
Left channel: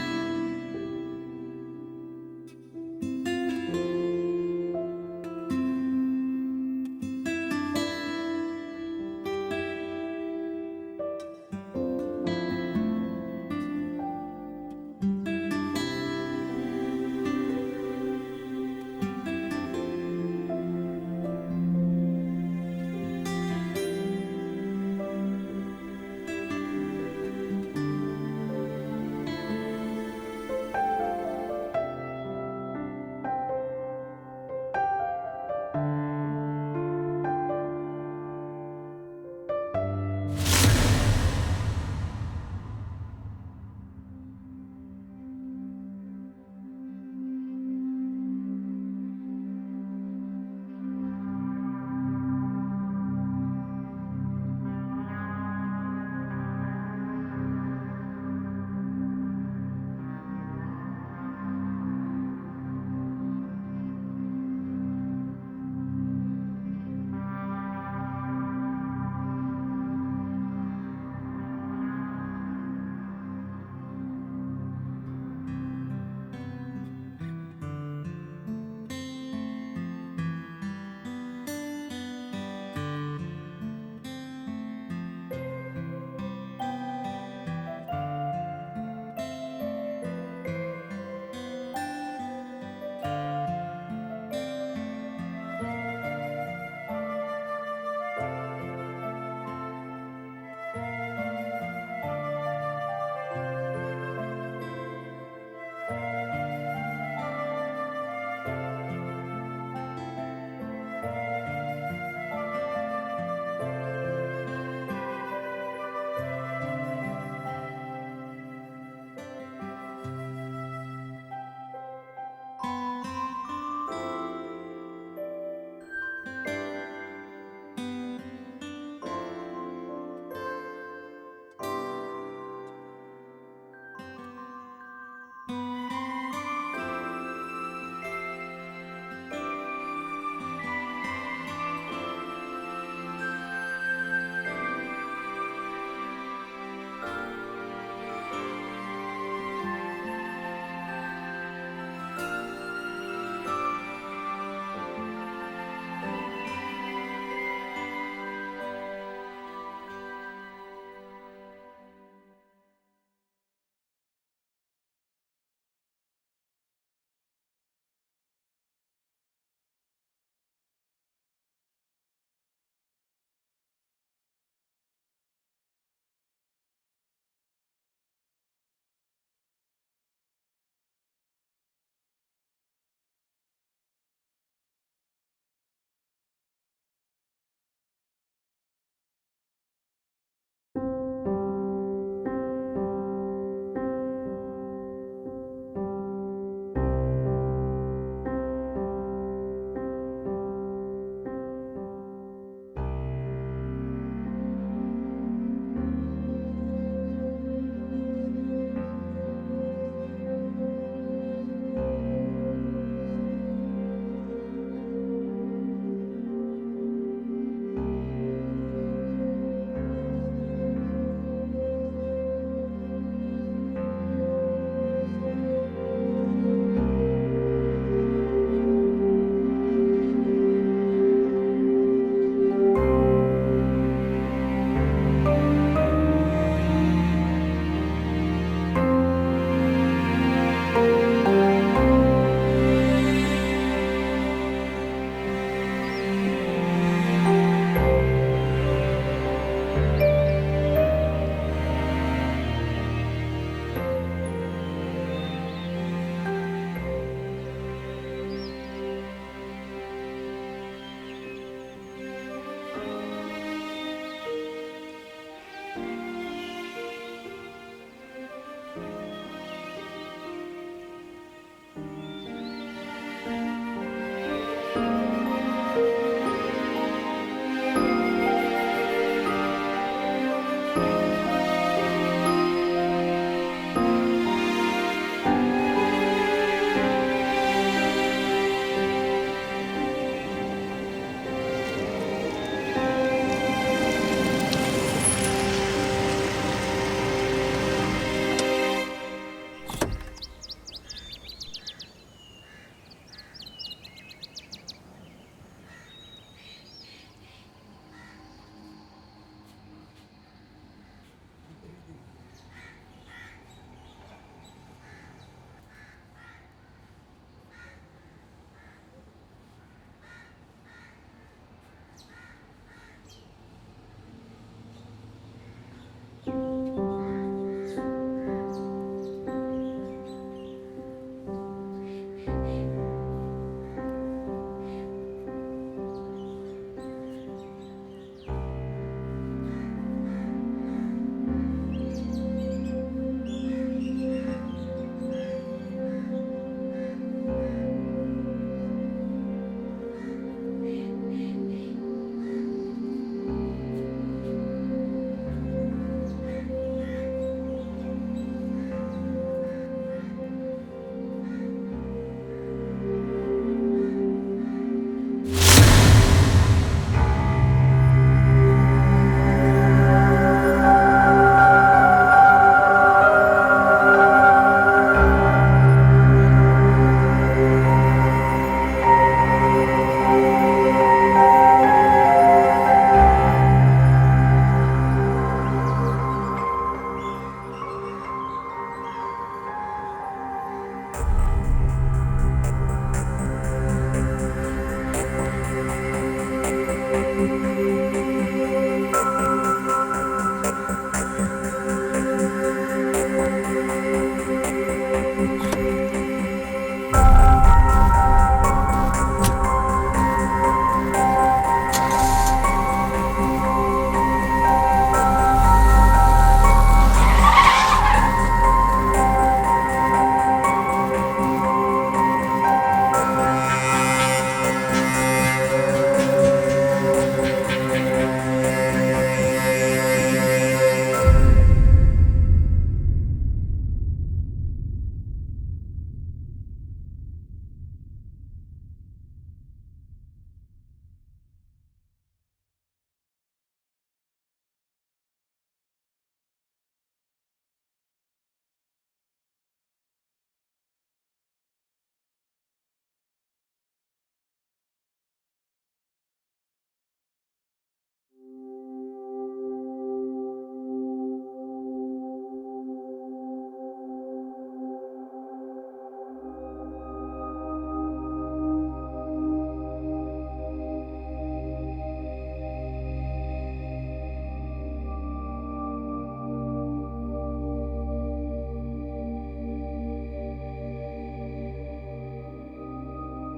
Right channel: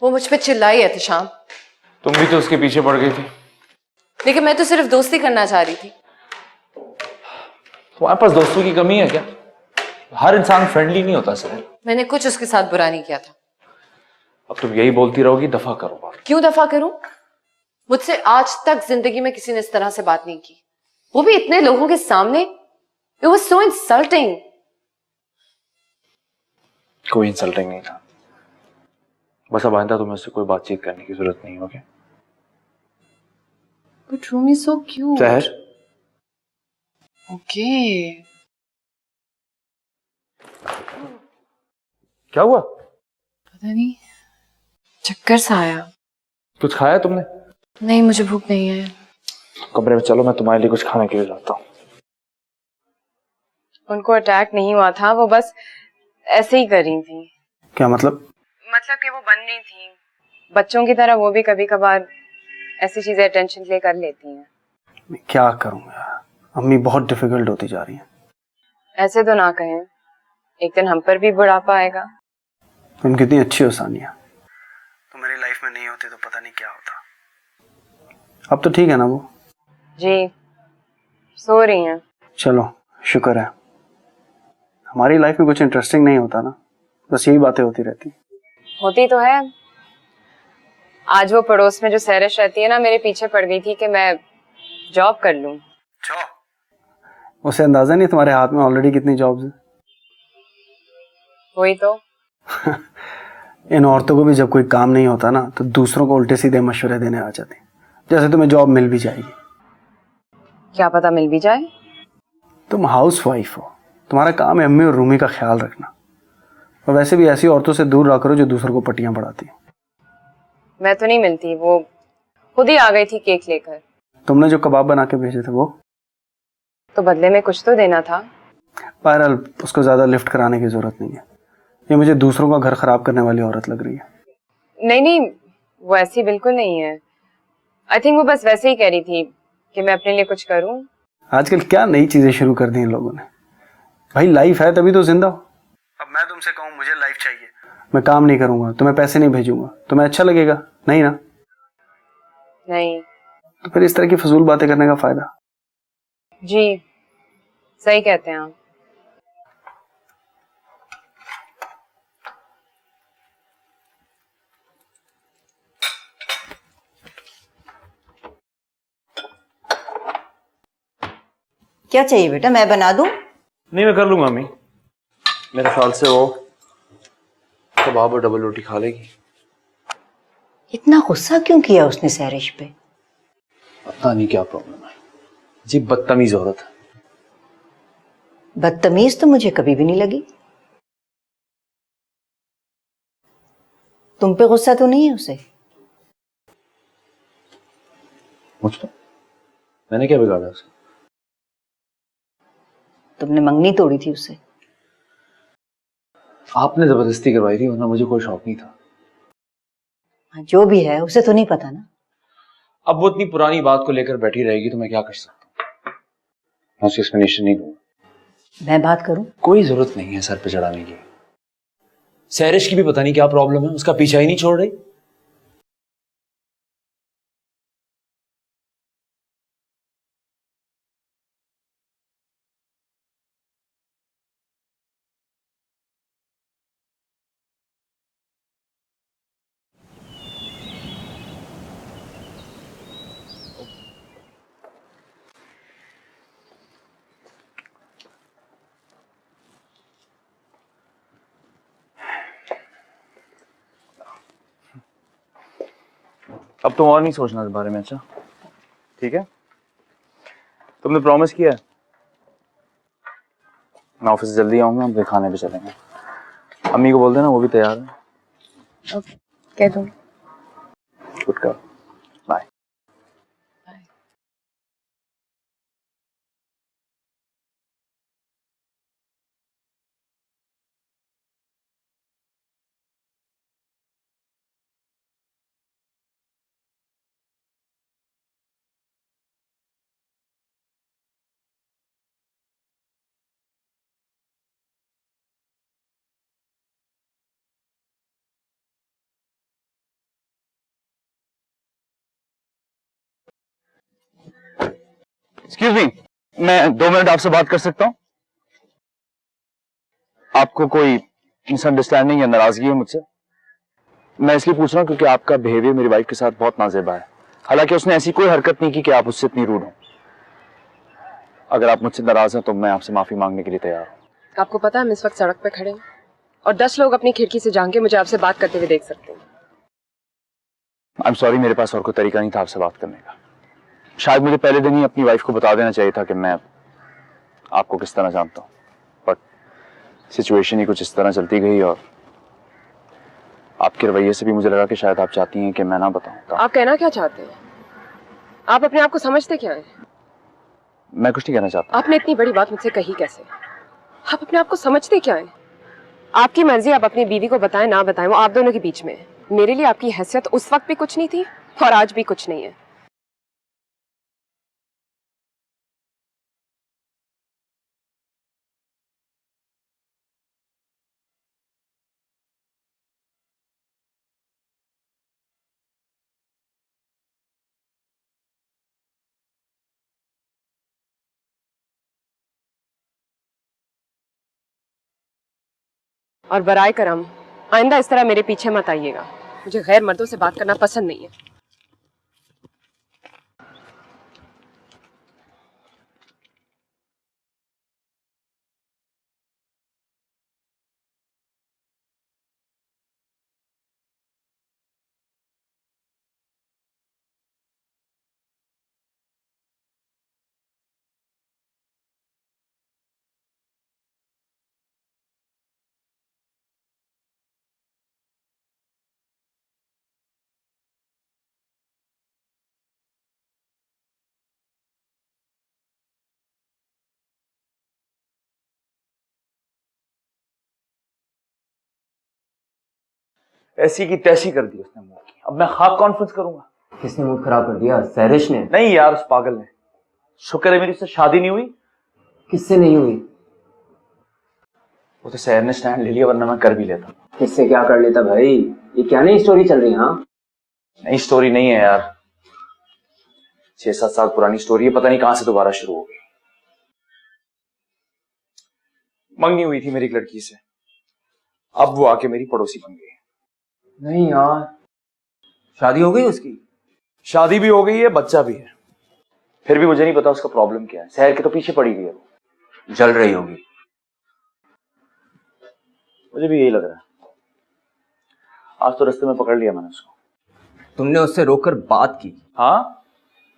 वो मुझ पे चिल्लाई एहतशाम। तुम भी तो उसके पीछे पड़ गई थी। लेकिन मैं तो सिर्फ दोस्ती करना चाह रही थी। तुम्हारे पास दोस्तों की कमी है क्या? हर इंसान फ्रेंडली नहीं होता सर। मैंने कुछ उसके साथ बुरा नहीं किया था। अब तुम यही बोलती रहोगी, दफा करो। क्यों दफा करूं? मुझसे आज तक जिंदगी में किसी ने इस तरह से बात नहीं की, वो भी इतने लोगों के सामने। It was so insulting. कोई इंसल्टिंग नहीं था। बस अब आइंदा तुम्हें उससे कोई बातचीत करने की जरूरत नहीं होगी। But Rumi is so cute. सहर, Okay. क्या हुआ? पता नहीं, चक्कर सा आया। कुछ खाया तुमने? नहीं, मुझे भूख नहीं है। कमरे में चलो, मैं तुम्हारे लिए कुछ खाने के लिए लाता हूँ। उनको अटैक नहीं हुआ था, वो बस ऐसे ही कर रही थी। क्या मतलब? मतलब कि वो बन रही थी। बच्चों की तरह वो भी कभी कभार ऐसी चीजें अटेंशन के लिए कर लेती हैं। मैं क्या करूं यार, अम्मी बहुत डिफिकल्ट होती जा रही है। ऐसे तो ना कहें, एक दिन हम पर भी बुढ़ापा आएगा। तुम कितनी अच्छी हो सानिया, तुम्हारी लाइफ में नहीं होती तो पता नहीं क्या होता। अब तो ठीक है ना वो? जी, सो रही हैं। चलो शुक्र है, हमारी लाइफ में कुछ इंटरेस्टिंग नहीं होता ना, बस यही बातें होती रहती। होती तो है। आज वो पड़ोस में जो सैरिश रहती है ना, मेरे पीछे पड़ गई थी कि मैं जॉब कर लूं। उसे अंदाजा नहीं तुम्हारे हाथ में ऑलरेडी कितनी जॉब्स हैं। वही तो। इन औरतों को भी जब कोई काम नहीं होता ना, तो दूसरों को उल्टे सीधे मशवरे देने आ जाती। जैसे तुम्हें जॉब मिल भी जाएगी। क्या पता मिल भी जाए। तुम हाउस वाइफ हो, तुम्हारा काम है अम्मी और रूमी का ख्याल रखना। और वैसे भी ऐसी औरतों से दूर रहा करो जो दूसरों को पट्टियां पढ़ाती। मैं तो नहीं मिलती, वो खुद ही आ गई थी केक लेकर। तुमने जो कबाब बना के भेजे थे वो तो बदले में कुछ तो देना था। बहरहाल उसको ज्यादा लिफ्ट कराने की जरूरत नहीं है। ये मुझे दूसरों का घर खराब करने वाली औरत लग रही है। नहीं नहीं, वो ऐसी बिल्कुल नहीं है। आई थिंक वो बस वैसे ही कह रही थी कि मैं अपने लिए कुछ करूं। आजकल क्या नई चीजें शुरू कर दी इन लोगों ने। भाई लाइफ है तभी तो जिंदा हो। अब मैं तुमसे कहूँ मुझे लाइफ चाहिए, मैं काम नहीं करूंगा, तुम्हें पैसे नहीं भेजूंगा, तुम्हें अच्छा लगेगा? नहीं ना? नहीं। तो फिर इस तरह की फजूल बातें करने का फायदा? जी सही कहते हैं आप। क्या चाहिए बेटा, मैं बना दूं? नहीं, मैं कर लूंगा अम्मी। मेरे ख्याल से वो कबाब और डबल रोटी खा लेगी। इतना गुस्सा क्यों किया उसने सैरिश पे? पता नहीं क्या प्रॉब्लम है, जी बदतमीज औरत है। बदतमीज तो मुझे कभी भी नहीं लगी। तुम पे गुस्सा तो नहीं है उसे? मुझ पे? मैंने क्या बिगाड़ा उसे? तुमने मंगनी तोड़ी थी उससे। आपने जबरदस्ती करवाई थी, वरना मुझे कोई शौक नहीं था। जो भी है उसे तो नहीं पता ना। अब वो इतनी पुरानी बात को लेकर बैठी रहेगी तो मैं क्या कर सकता? मैं उसकी एक्सप्लेनेशन नहीं दूंगा। मैं बात करूं? कोई जरूरत नहीं है सर पे चढ़ाने की। सैरिश की भी पता नहीं क्या प्रॉब्लम है, उसका पीछा ही नहीं छोड़ रही। अब तुम और नहीं सोचना इस बारे में, अच्छा? ठीक है, तुमने प्रॉमिस किया है। मैं ऑफिस से जल्दी आऊंगा, हम फिर खाने पे चलेंगे। अम्मी को बोल देना, वो भी तैयार है। ओके, कह दो। Good girl, bye. Excuse me, मैं 2 मिनट आपसे बात कर सकता हूँ? आपको कोई मिसअंडरस्टैंडिंग या नाराजगी है मुझसे? मैं इसलिए पूछ रहा हूँ क्योंकि आपका बिहेवियर मेरी वाइफ के साथ बहुत नाजेबा है। हालांकि उसने ऐसी कोई हरकत नहीं की कि आप उससे इतनी रूड हो। अगर आप मुझसे नाराज हैं तो मैं आपसे माफी मांगने के लिए तैयार हूँ। आपको पता है हम इस वक्त सड़क पे खड़े हैं और 10 लोग अपनी खिड़की से झांक के मुझे आपसे बात करते हुए देख सकते हैं। आई एम सॉरी, मेरे पास और कोई तरीका नहीं था आपसे बात करने का। शायद मुझे पहले दिन ही अपनी वाइफ को बता देना चाहिए था कि मैं आपको किस तरह जानता हूँ, बट सिचुएशन ही कुछ इस तरह चलती गई और आपके रवैये से भी मुझे लगा कि शायद आप चाहती हैं कि मैं ना बताऊं। आप कहना क्या चाहते हैं? आप अपने आप को समझते क्या हैं? मैं कुछ नहीं कहना चाहता। आपने इतनी बड़ी बात मुझसे कही कैसे? आप अपने आप को समझते क्या हैं? आपकी मर्जी, आप अपनी बीवी को बताएं ना बताएं, वो आप दोनों के बीच में है। मेरे लिए आपकी हैसियत उस वक्त भी कुछ नहीं थी और आज भी कुछ नहीं है। और बराए करम आइंदा इस तरह मेरे पीछे मत आइएगा। मुझे गैर मर्दों से बात करना पसंद नहीं है। ऐसी की तैसी कर दी उसने मुंह की। अब मैं खाक कॉन्फ्रेंस करूंगा। किसने मूड खराब कर दिया? सैरिश ने? नहीं यार, उस पागल ने। शुक्र है मेरी उससे शादी नहीं हुई। किससे नहीं हुई? वो तो सहर ने स्टैंड ले लिया, वरना मैं कर भी लेता। किससे क्या कर लेता भाई? ये क्या नई स्टोरी चल रही है? हाँ, नई स्टोरी नहीं है यार, 6-7 साल पुरानी स्टोरी है। पता नहीं कहां से दोबारा शुरू हो गई। मंगनी हुई थी मेरी एक लड़की से, अब वो आके मेरी पड़ोसी बन गई। नहीं यार, शादी हो गई उसकी? शादी भी हो गई है, बच्चा भी है। फिर भी मुझे नहीं पता उसका प्रॉब्लम क्या है। शहर के तो पीछे पड़ी गई है। जल रही होगी। मुझे भी यही लग रहा है। आज तो रास्ते में पकड़ लिया मैंने उसको। तुमने उससे रोककर बात की? हाँ,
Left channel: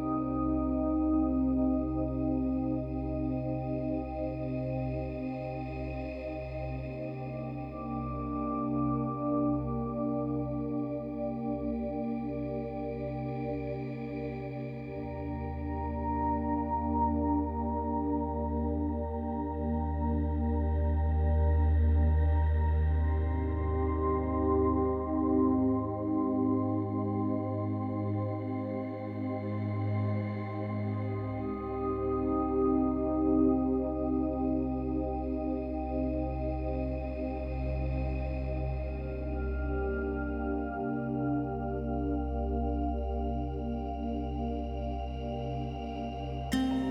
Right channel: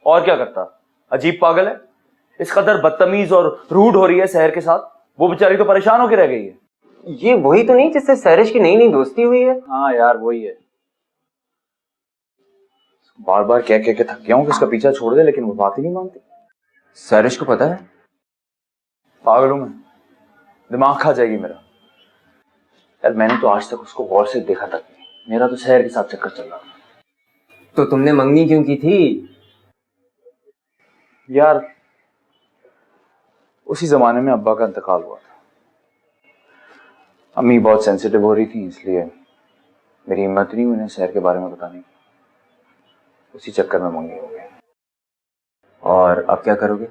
और क्या करता? अजीब पागल है, इस कदर बदतमीज और रूड हो रही है शहर के साथ। वो बेचारी तो परेशान होकर रह गई है। ये वही तो नहीं जिससे सैरिश की नई नई दोस्ती हुई है? हाँ यार, वही है। बार बार कह के थक गया हूँ कि उसका पीछा छोड़ दे, लेकिन वो बात ही नहीं मानती। सैरिश को पता है? पागल हूं मैं, दिमाग खा जाएगी मेरा। यार मैंने तो आज तक उसको गौर से देखा तक नहीं। मेरा तो शहर के साथ चक्कर चल रहा था। तो तुमने मंगनी क्यों की थी? यार उसी जमाने में अब्बा का इंतकाल हुआ था। अम्मी बहुत सेंसिटिव हो रही थी, इसलिए मेरी हिम्मत नहीं उन्हें शहर के बारे में बताने की। उसी चक्कर में मंगनी हो गई। और अब क्या करोगे?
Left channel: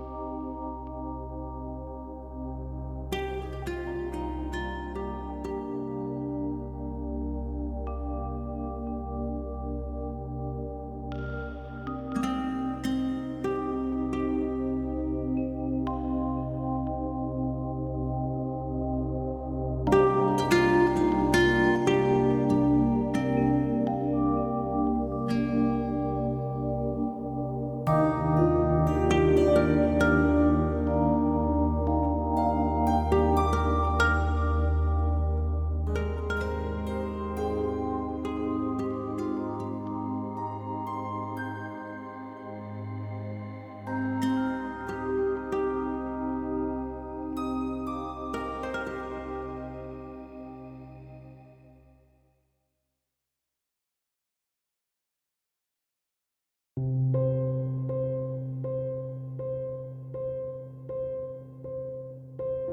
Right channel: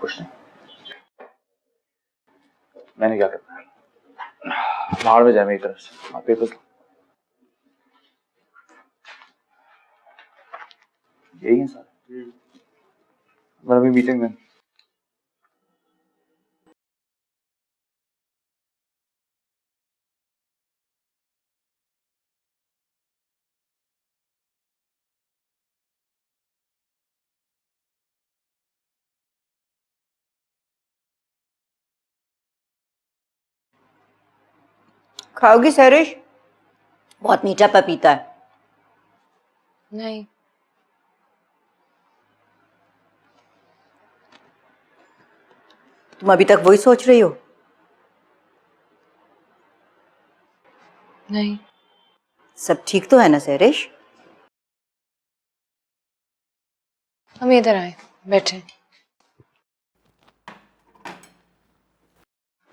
कुछ नहीं। मैंने क्या करना है? बाहर में जाए मेरी तरफ से। आप पेपर्स यही है सर। मैं अभी मीटिंग में। खाओगी सरिश? बहुत मीठा पपीता है। नहीं। तुम अभी तक वही सोच रही हो? नहीं। सब ठीक तो है ना सरिश? हम इधर आए, बैठे।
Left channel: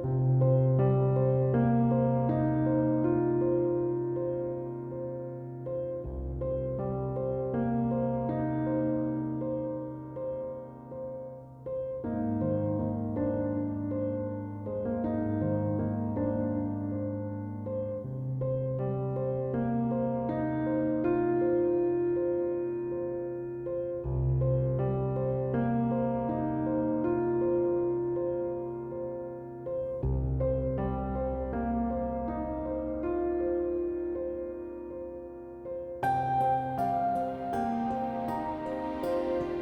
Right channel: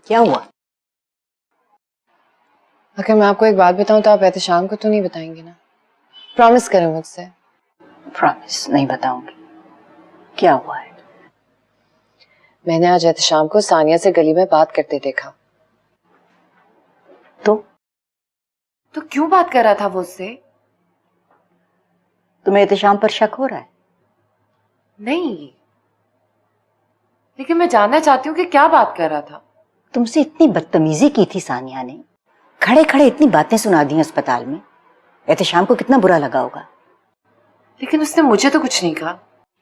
क्या हुआ? अगर मैं आपको एक बात बताऊं तो आप एहतशाम को तो नहीं बताएंगे ना? प्रॉमिस करें मुझसे। प्रॉमिस नहीं बताऊंगी। क्या हुआ है? मैंने आज एहतशाम को सानिया से गली में बात करते देखा। तो क्यों बात कर रहा था वो उससे? तुम्हें एहतशाम पर शक हो रहा है? नहीं, लेकिन मैं जानना चाहती हूँ कि क्या बात कर रहा था। तुमसे इतनी बदतमीजी की थी सानिया ने, खड़े खड़े इतनी बातें सुना दी अस्पताल में। एहतशाम को कितना बुरा लगा होगा। लेकिन उसने मुझे तो कुछ नहीं कहा।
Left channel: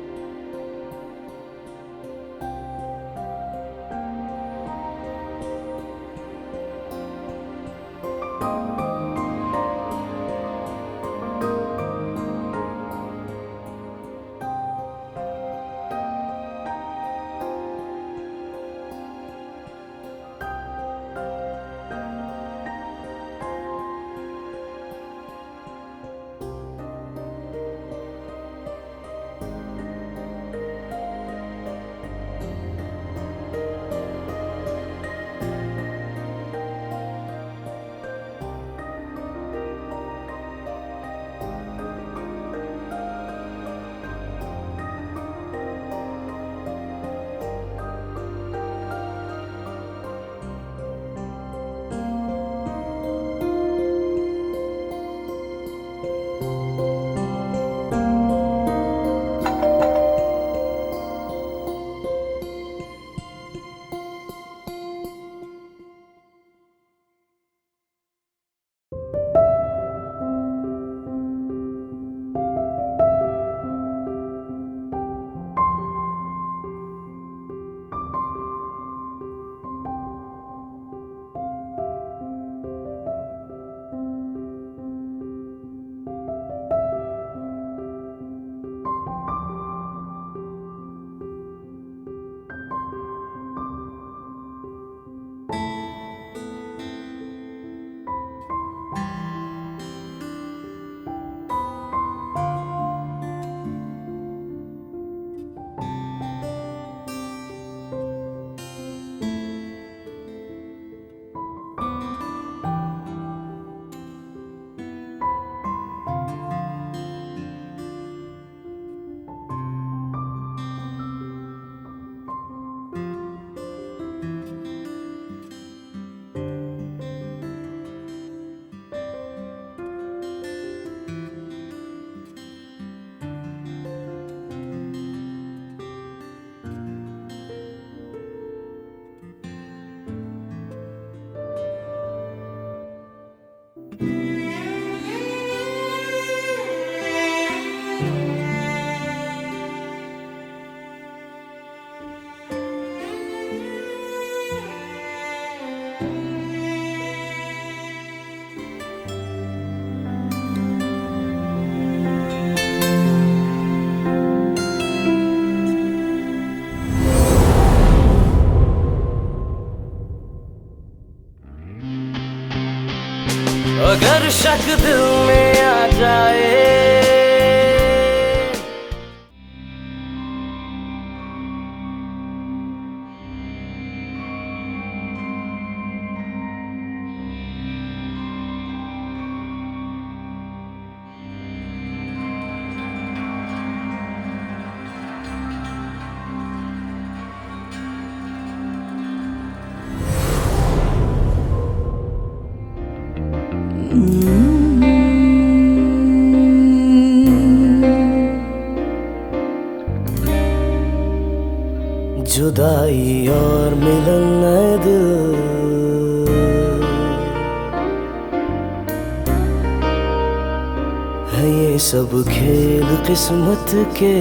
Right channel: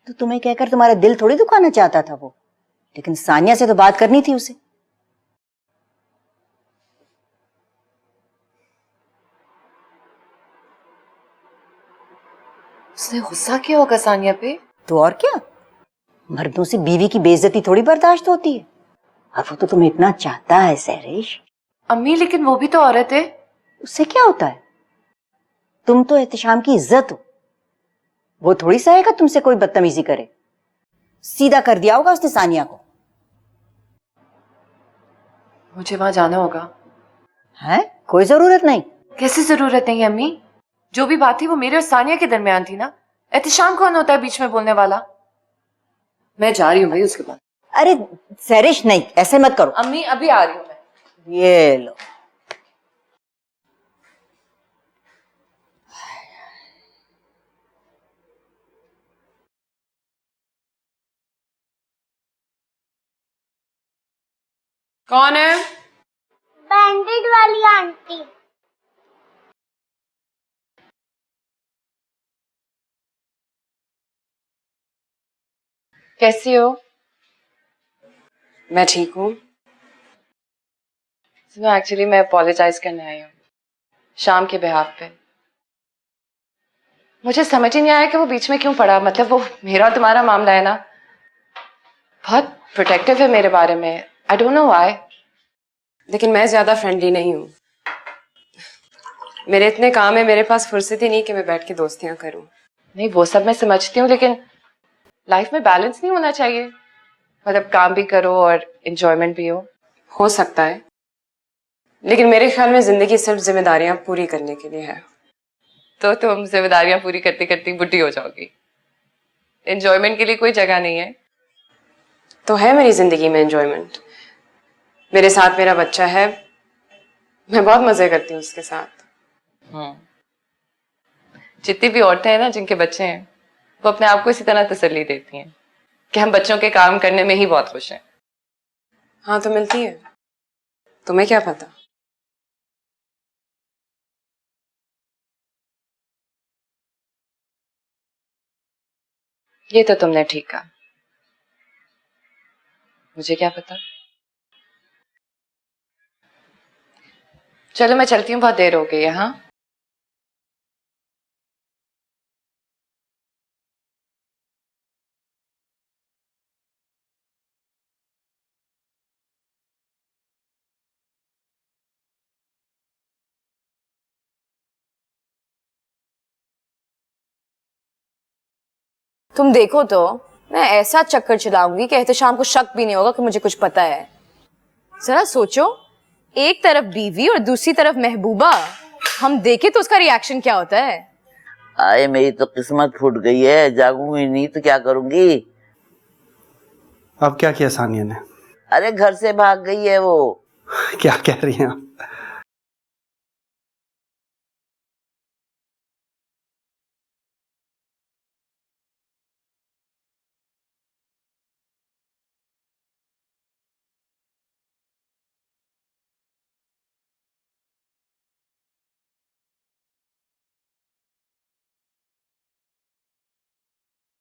तो तुम्हें कहकर तुम्हारा दिल थोड़ी दुखाना चाहता था वो, लेकिन सानिया से तो बात करनी थी उसे। उसने गुस्सा किया होगा सानिया पे। तो और क्या, मर्दों से बीवी की बेइज्जती थोड़ी बर्दाश्त होती है। और वो तो तुम्हें इतना चाहता है सहरिश। अम्मी लेकिन वो भी तो औरत है। उससे क्या होता है? तुम तो एहतशाम की इज्जत हो। वो थोड़ी सहेगा तुमसे कोई बदतमीजी करे। सीधा कर दिया होगा उसने सानिया को। मुझे वहां जाना होगा। है? कोई जरूरत नहीं। कैसे जरूरत नहीं अम्मी? जो भी बात थी वो मेरे और सानिया के दरमियान थी ना। एहतशाम कौन होता है बीच में बोलने वाला? मैं जा रही हूँ भाई उसके बाद। अरे सहरिश नहीं, ऐसे मत करो। अम्मी अभी आ रही हूँ। ये लो। कौन है? बैंडेड वाली आंटी। कैसी हो? मैं ठीक हूँ। सुनो, एक्चुअली मैं अपोलोजाइज करने आई हूँ शाम के बिहाफ पे। मुझे समझ ही नहीं आया कि वो बीच में क्यों पड़ा। मतलब वो मेरा और तुम्हारा मामला है ना, बहुत प्रोटेक्टिव है मेरे बारे में। आई डोंट नो व्हाई, लेकिन मैं ज्यादा फ्रेंडली नहीं हूँ। मेरे इतने काम है, मेरे पास फुर्सत ही नहीं कि मैं बैठ के दोस्तियां करूँ। नहीं, वो सब मैं समझती हूँ, लेकिन लाइफ में बैलेंस नहीं होना चाहिए। मतलब काम भी करो और एंजॉयमेंट भी हो सकता है, लेकिन मेरे ख्याल में जिंदगी सिर्फ जिम्मेदारियां पूरी करने के लिए है। तो तुम जिम्मेदारियां पूरी करती करती बुढ़ी हो जाओगी। एंजॉयमेंट के लिए कोई जगह नहीं है। तो है मेरी जिंदगी में एंजॉयमेंट। मेरे साथ मेरा बच्चा है, मैं बहुत मजे करती हूँ उसके साथ। जितनी भी औरतें हैं ना जिनके बच्चे हैं, वो अपने आप को इसी तरह तसल्ली देती हैं कि हम बच्चों के काम करने में ही बहुत खुश हैं। हाँ तो मिलती है, तुम्हें क्या पता। ये तो तुमने ठीक कहा, मुझे क्या पता। चलो मैं चलती हूँ, बहुत देर हो गई है। हाँ अगर शक दिल में आ जाए। तुम देखो तो मैं ऐसा चक्कर चलाऊंगी कि एहतशाम को शक भी नहीं होगा कि मुझे कुछ पता है। जरा सोचो, एक तरफ बीवी और दूसरी तरफ महबूबा। हम देखे तो उसका रिएक्शन क्या होता है। आए मेरी तो किस्मत फूट गई है, जागूंगी नहीं तो क्या करूंगी। अब क्या किया सानिया ने? अरे घर से भाग गई है वो। क्या कह रही हैं आप? जुदाई और मिलन है दिल, है ये सब खेल किस्मत के।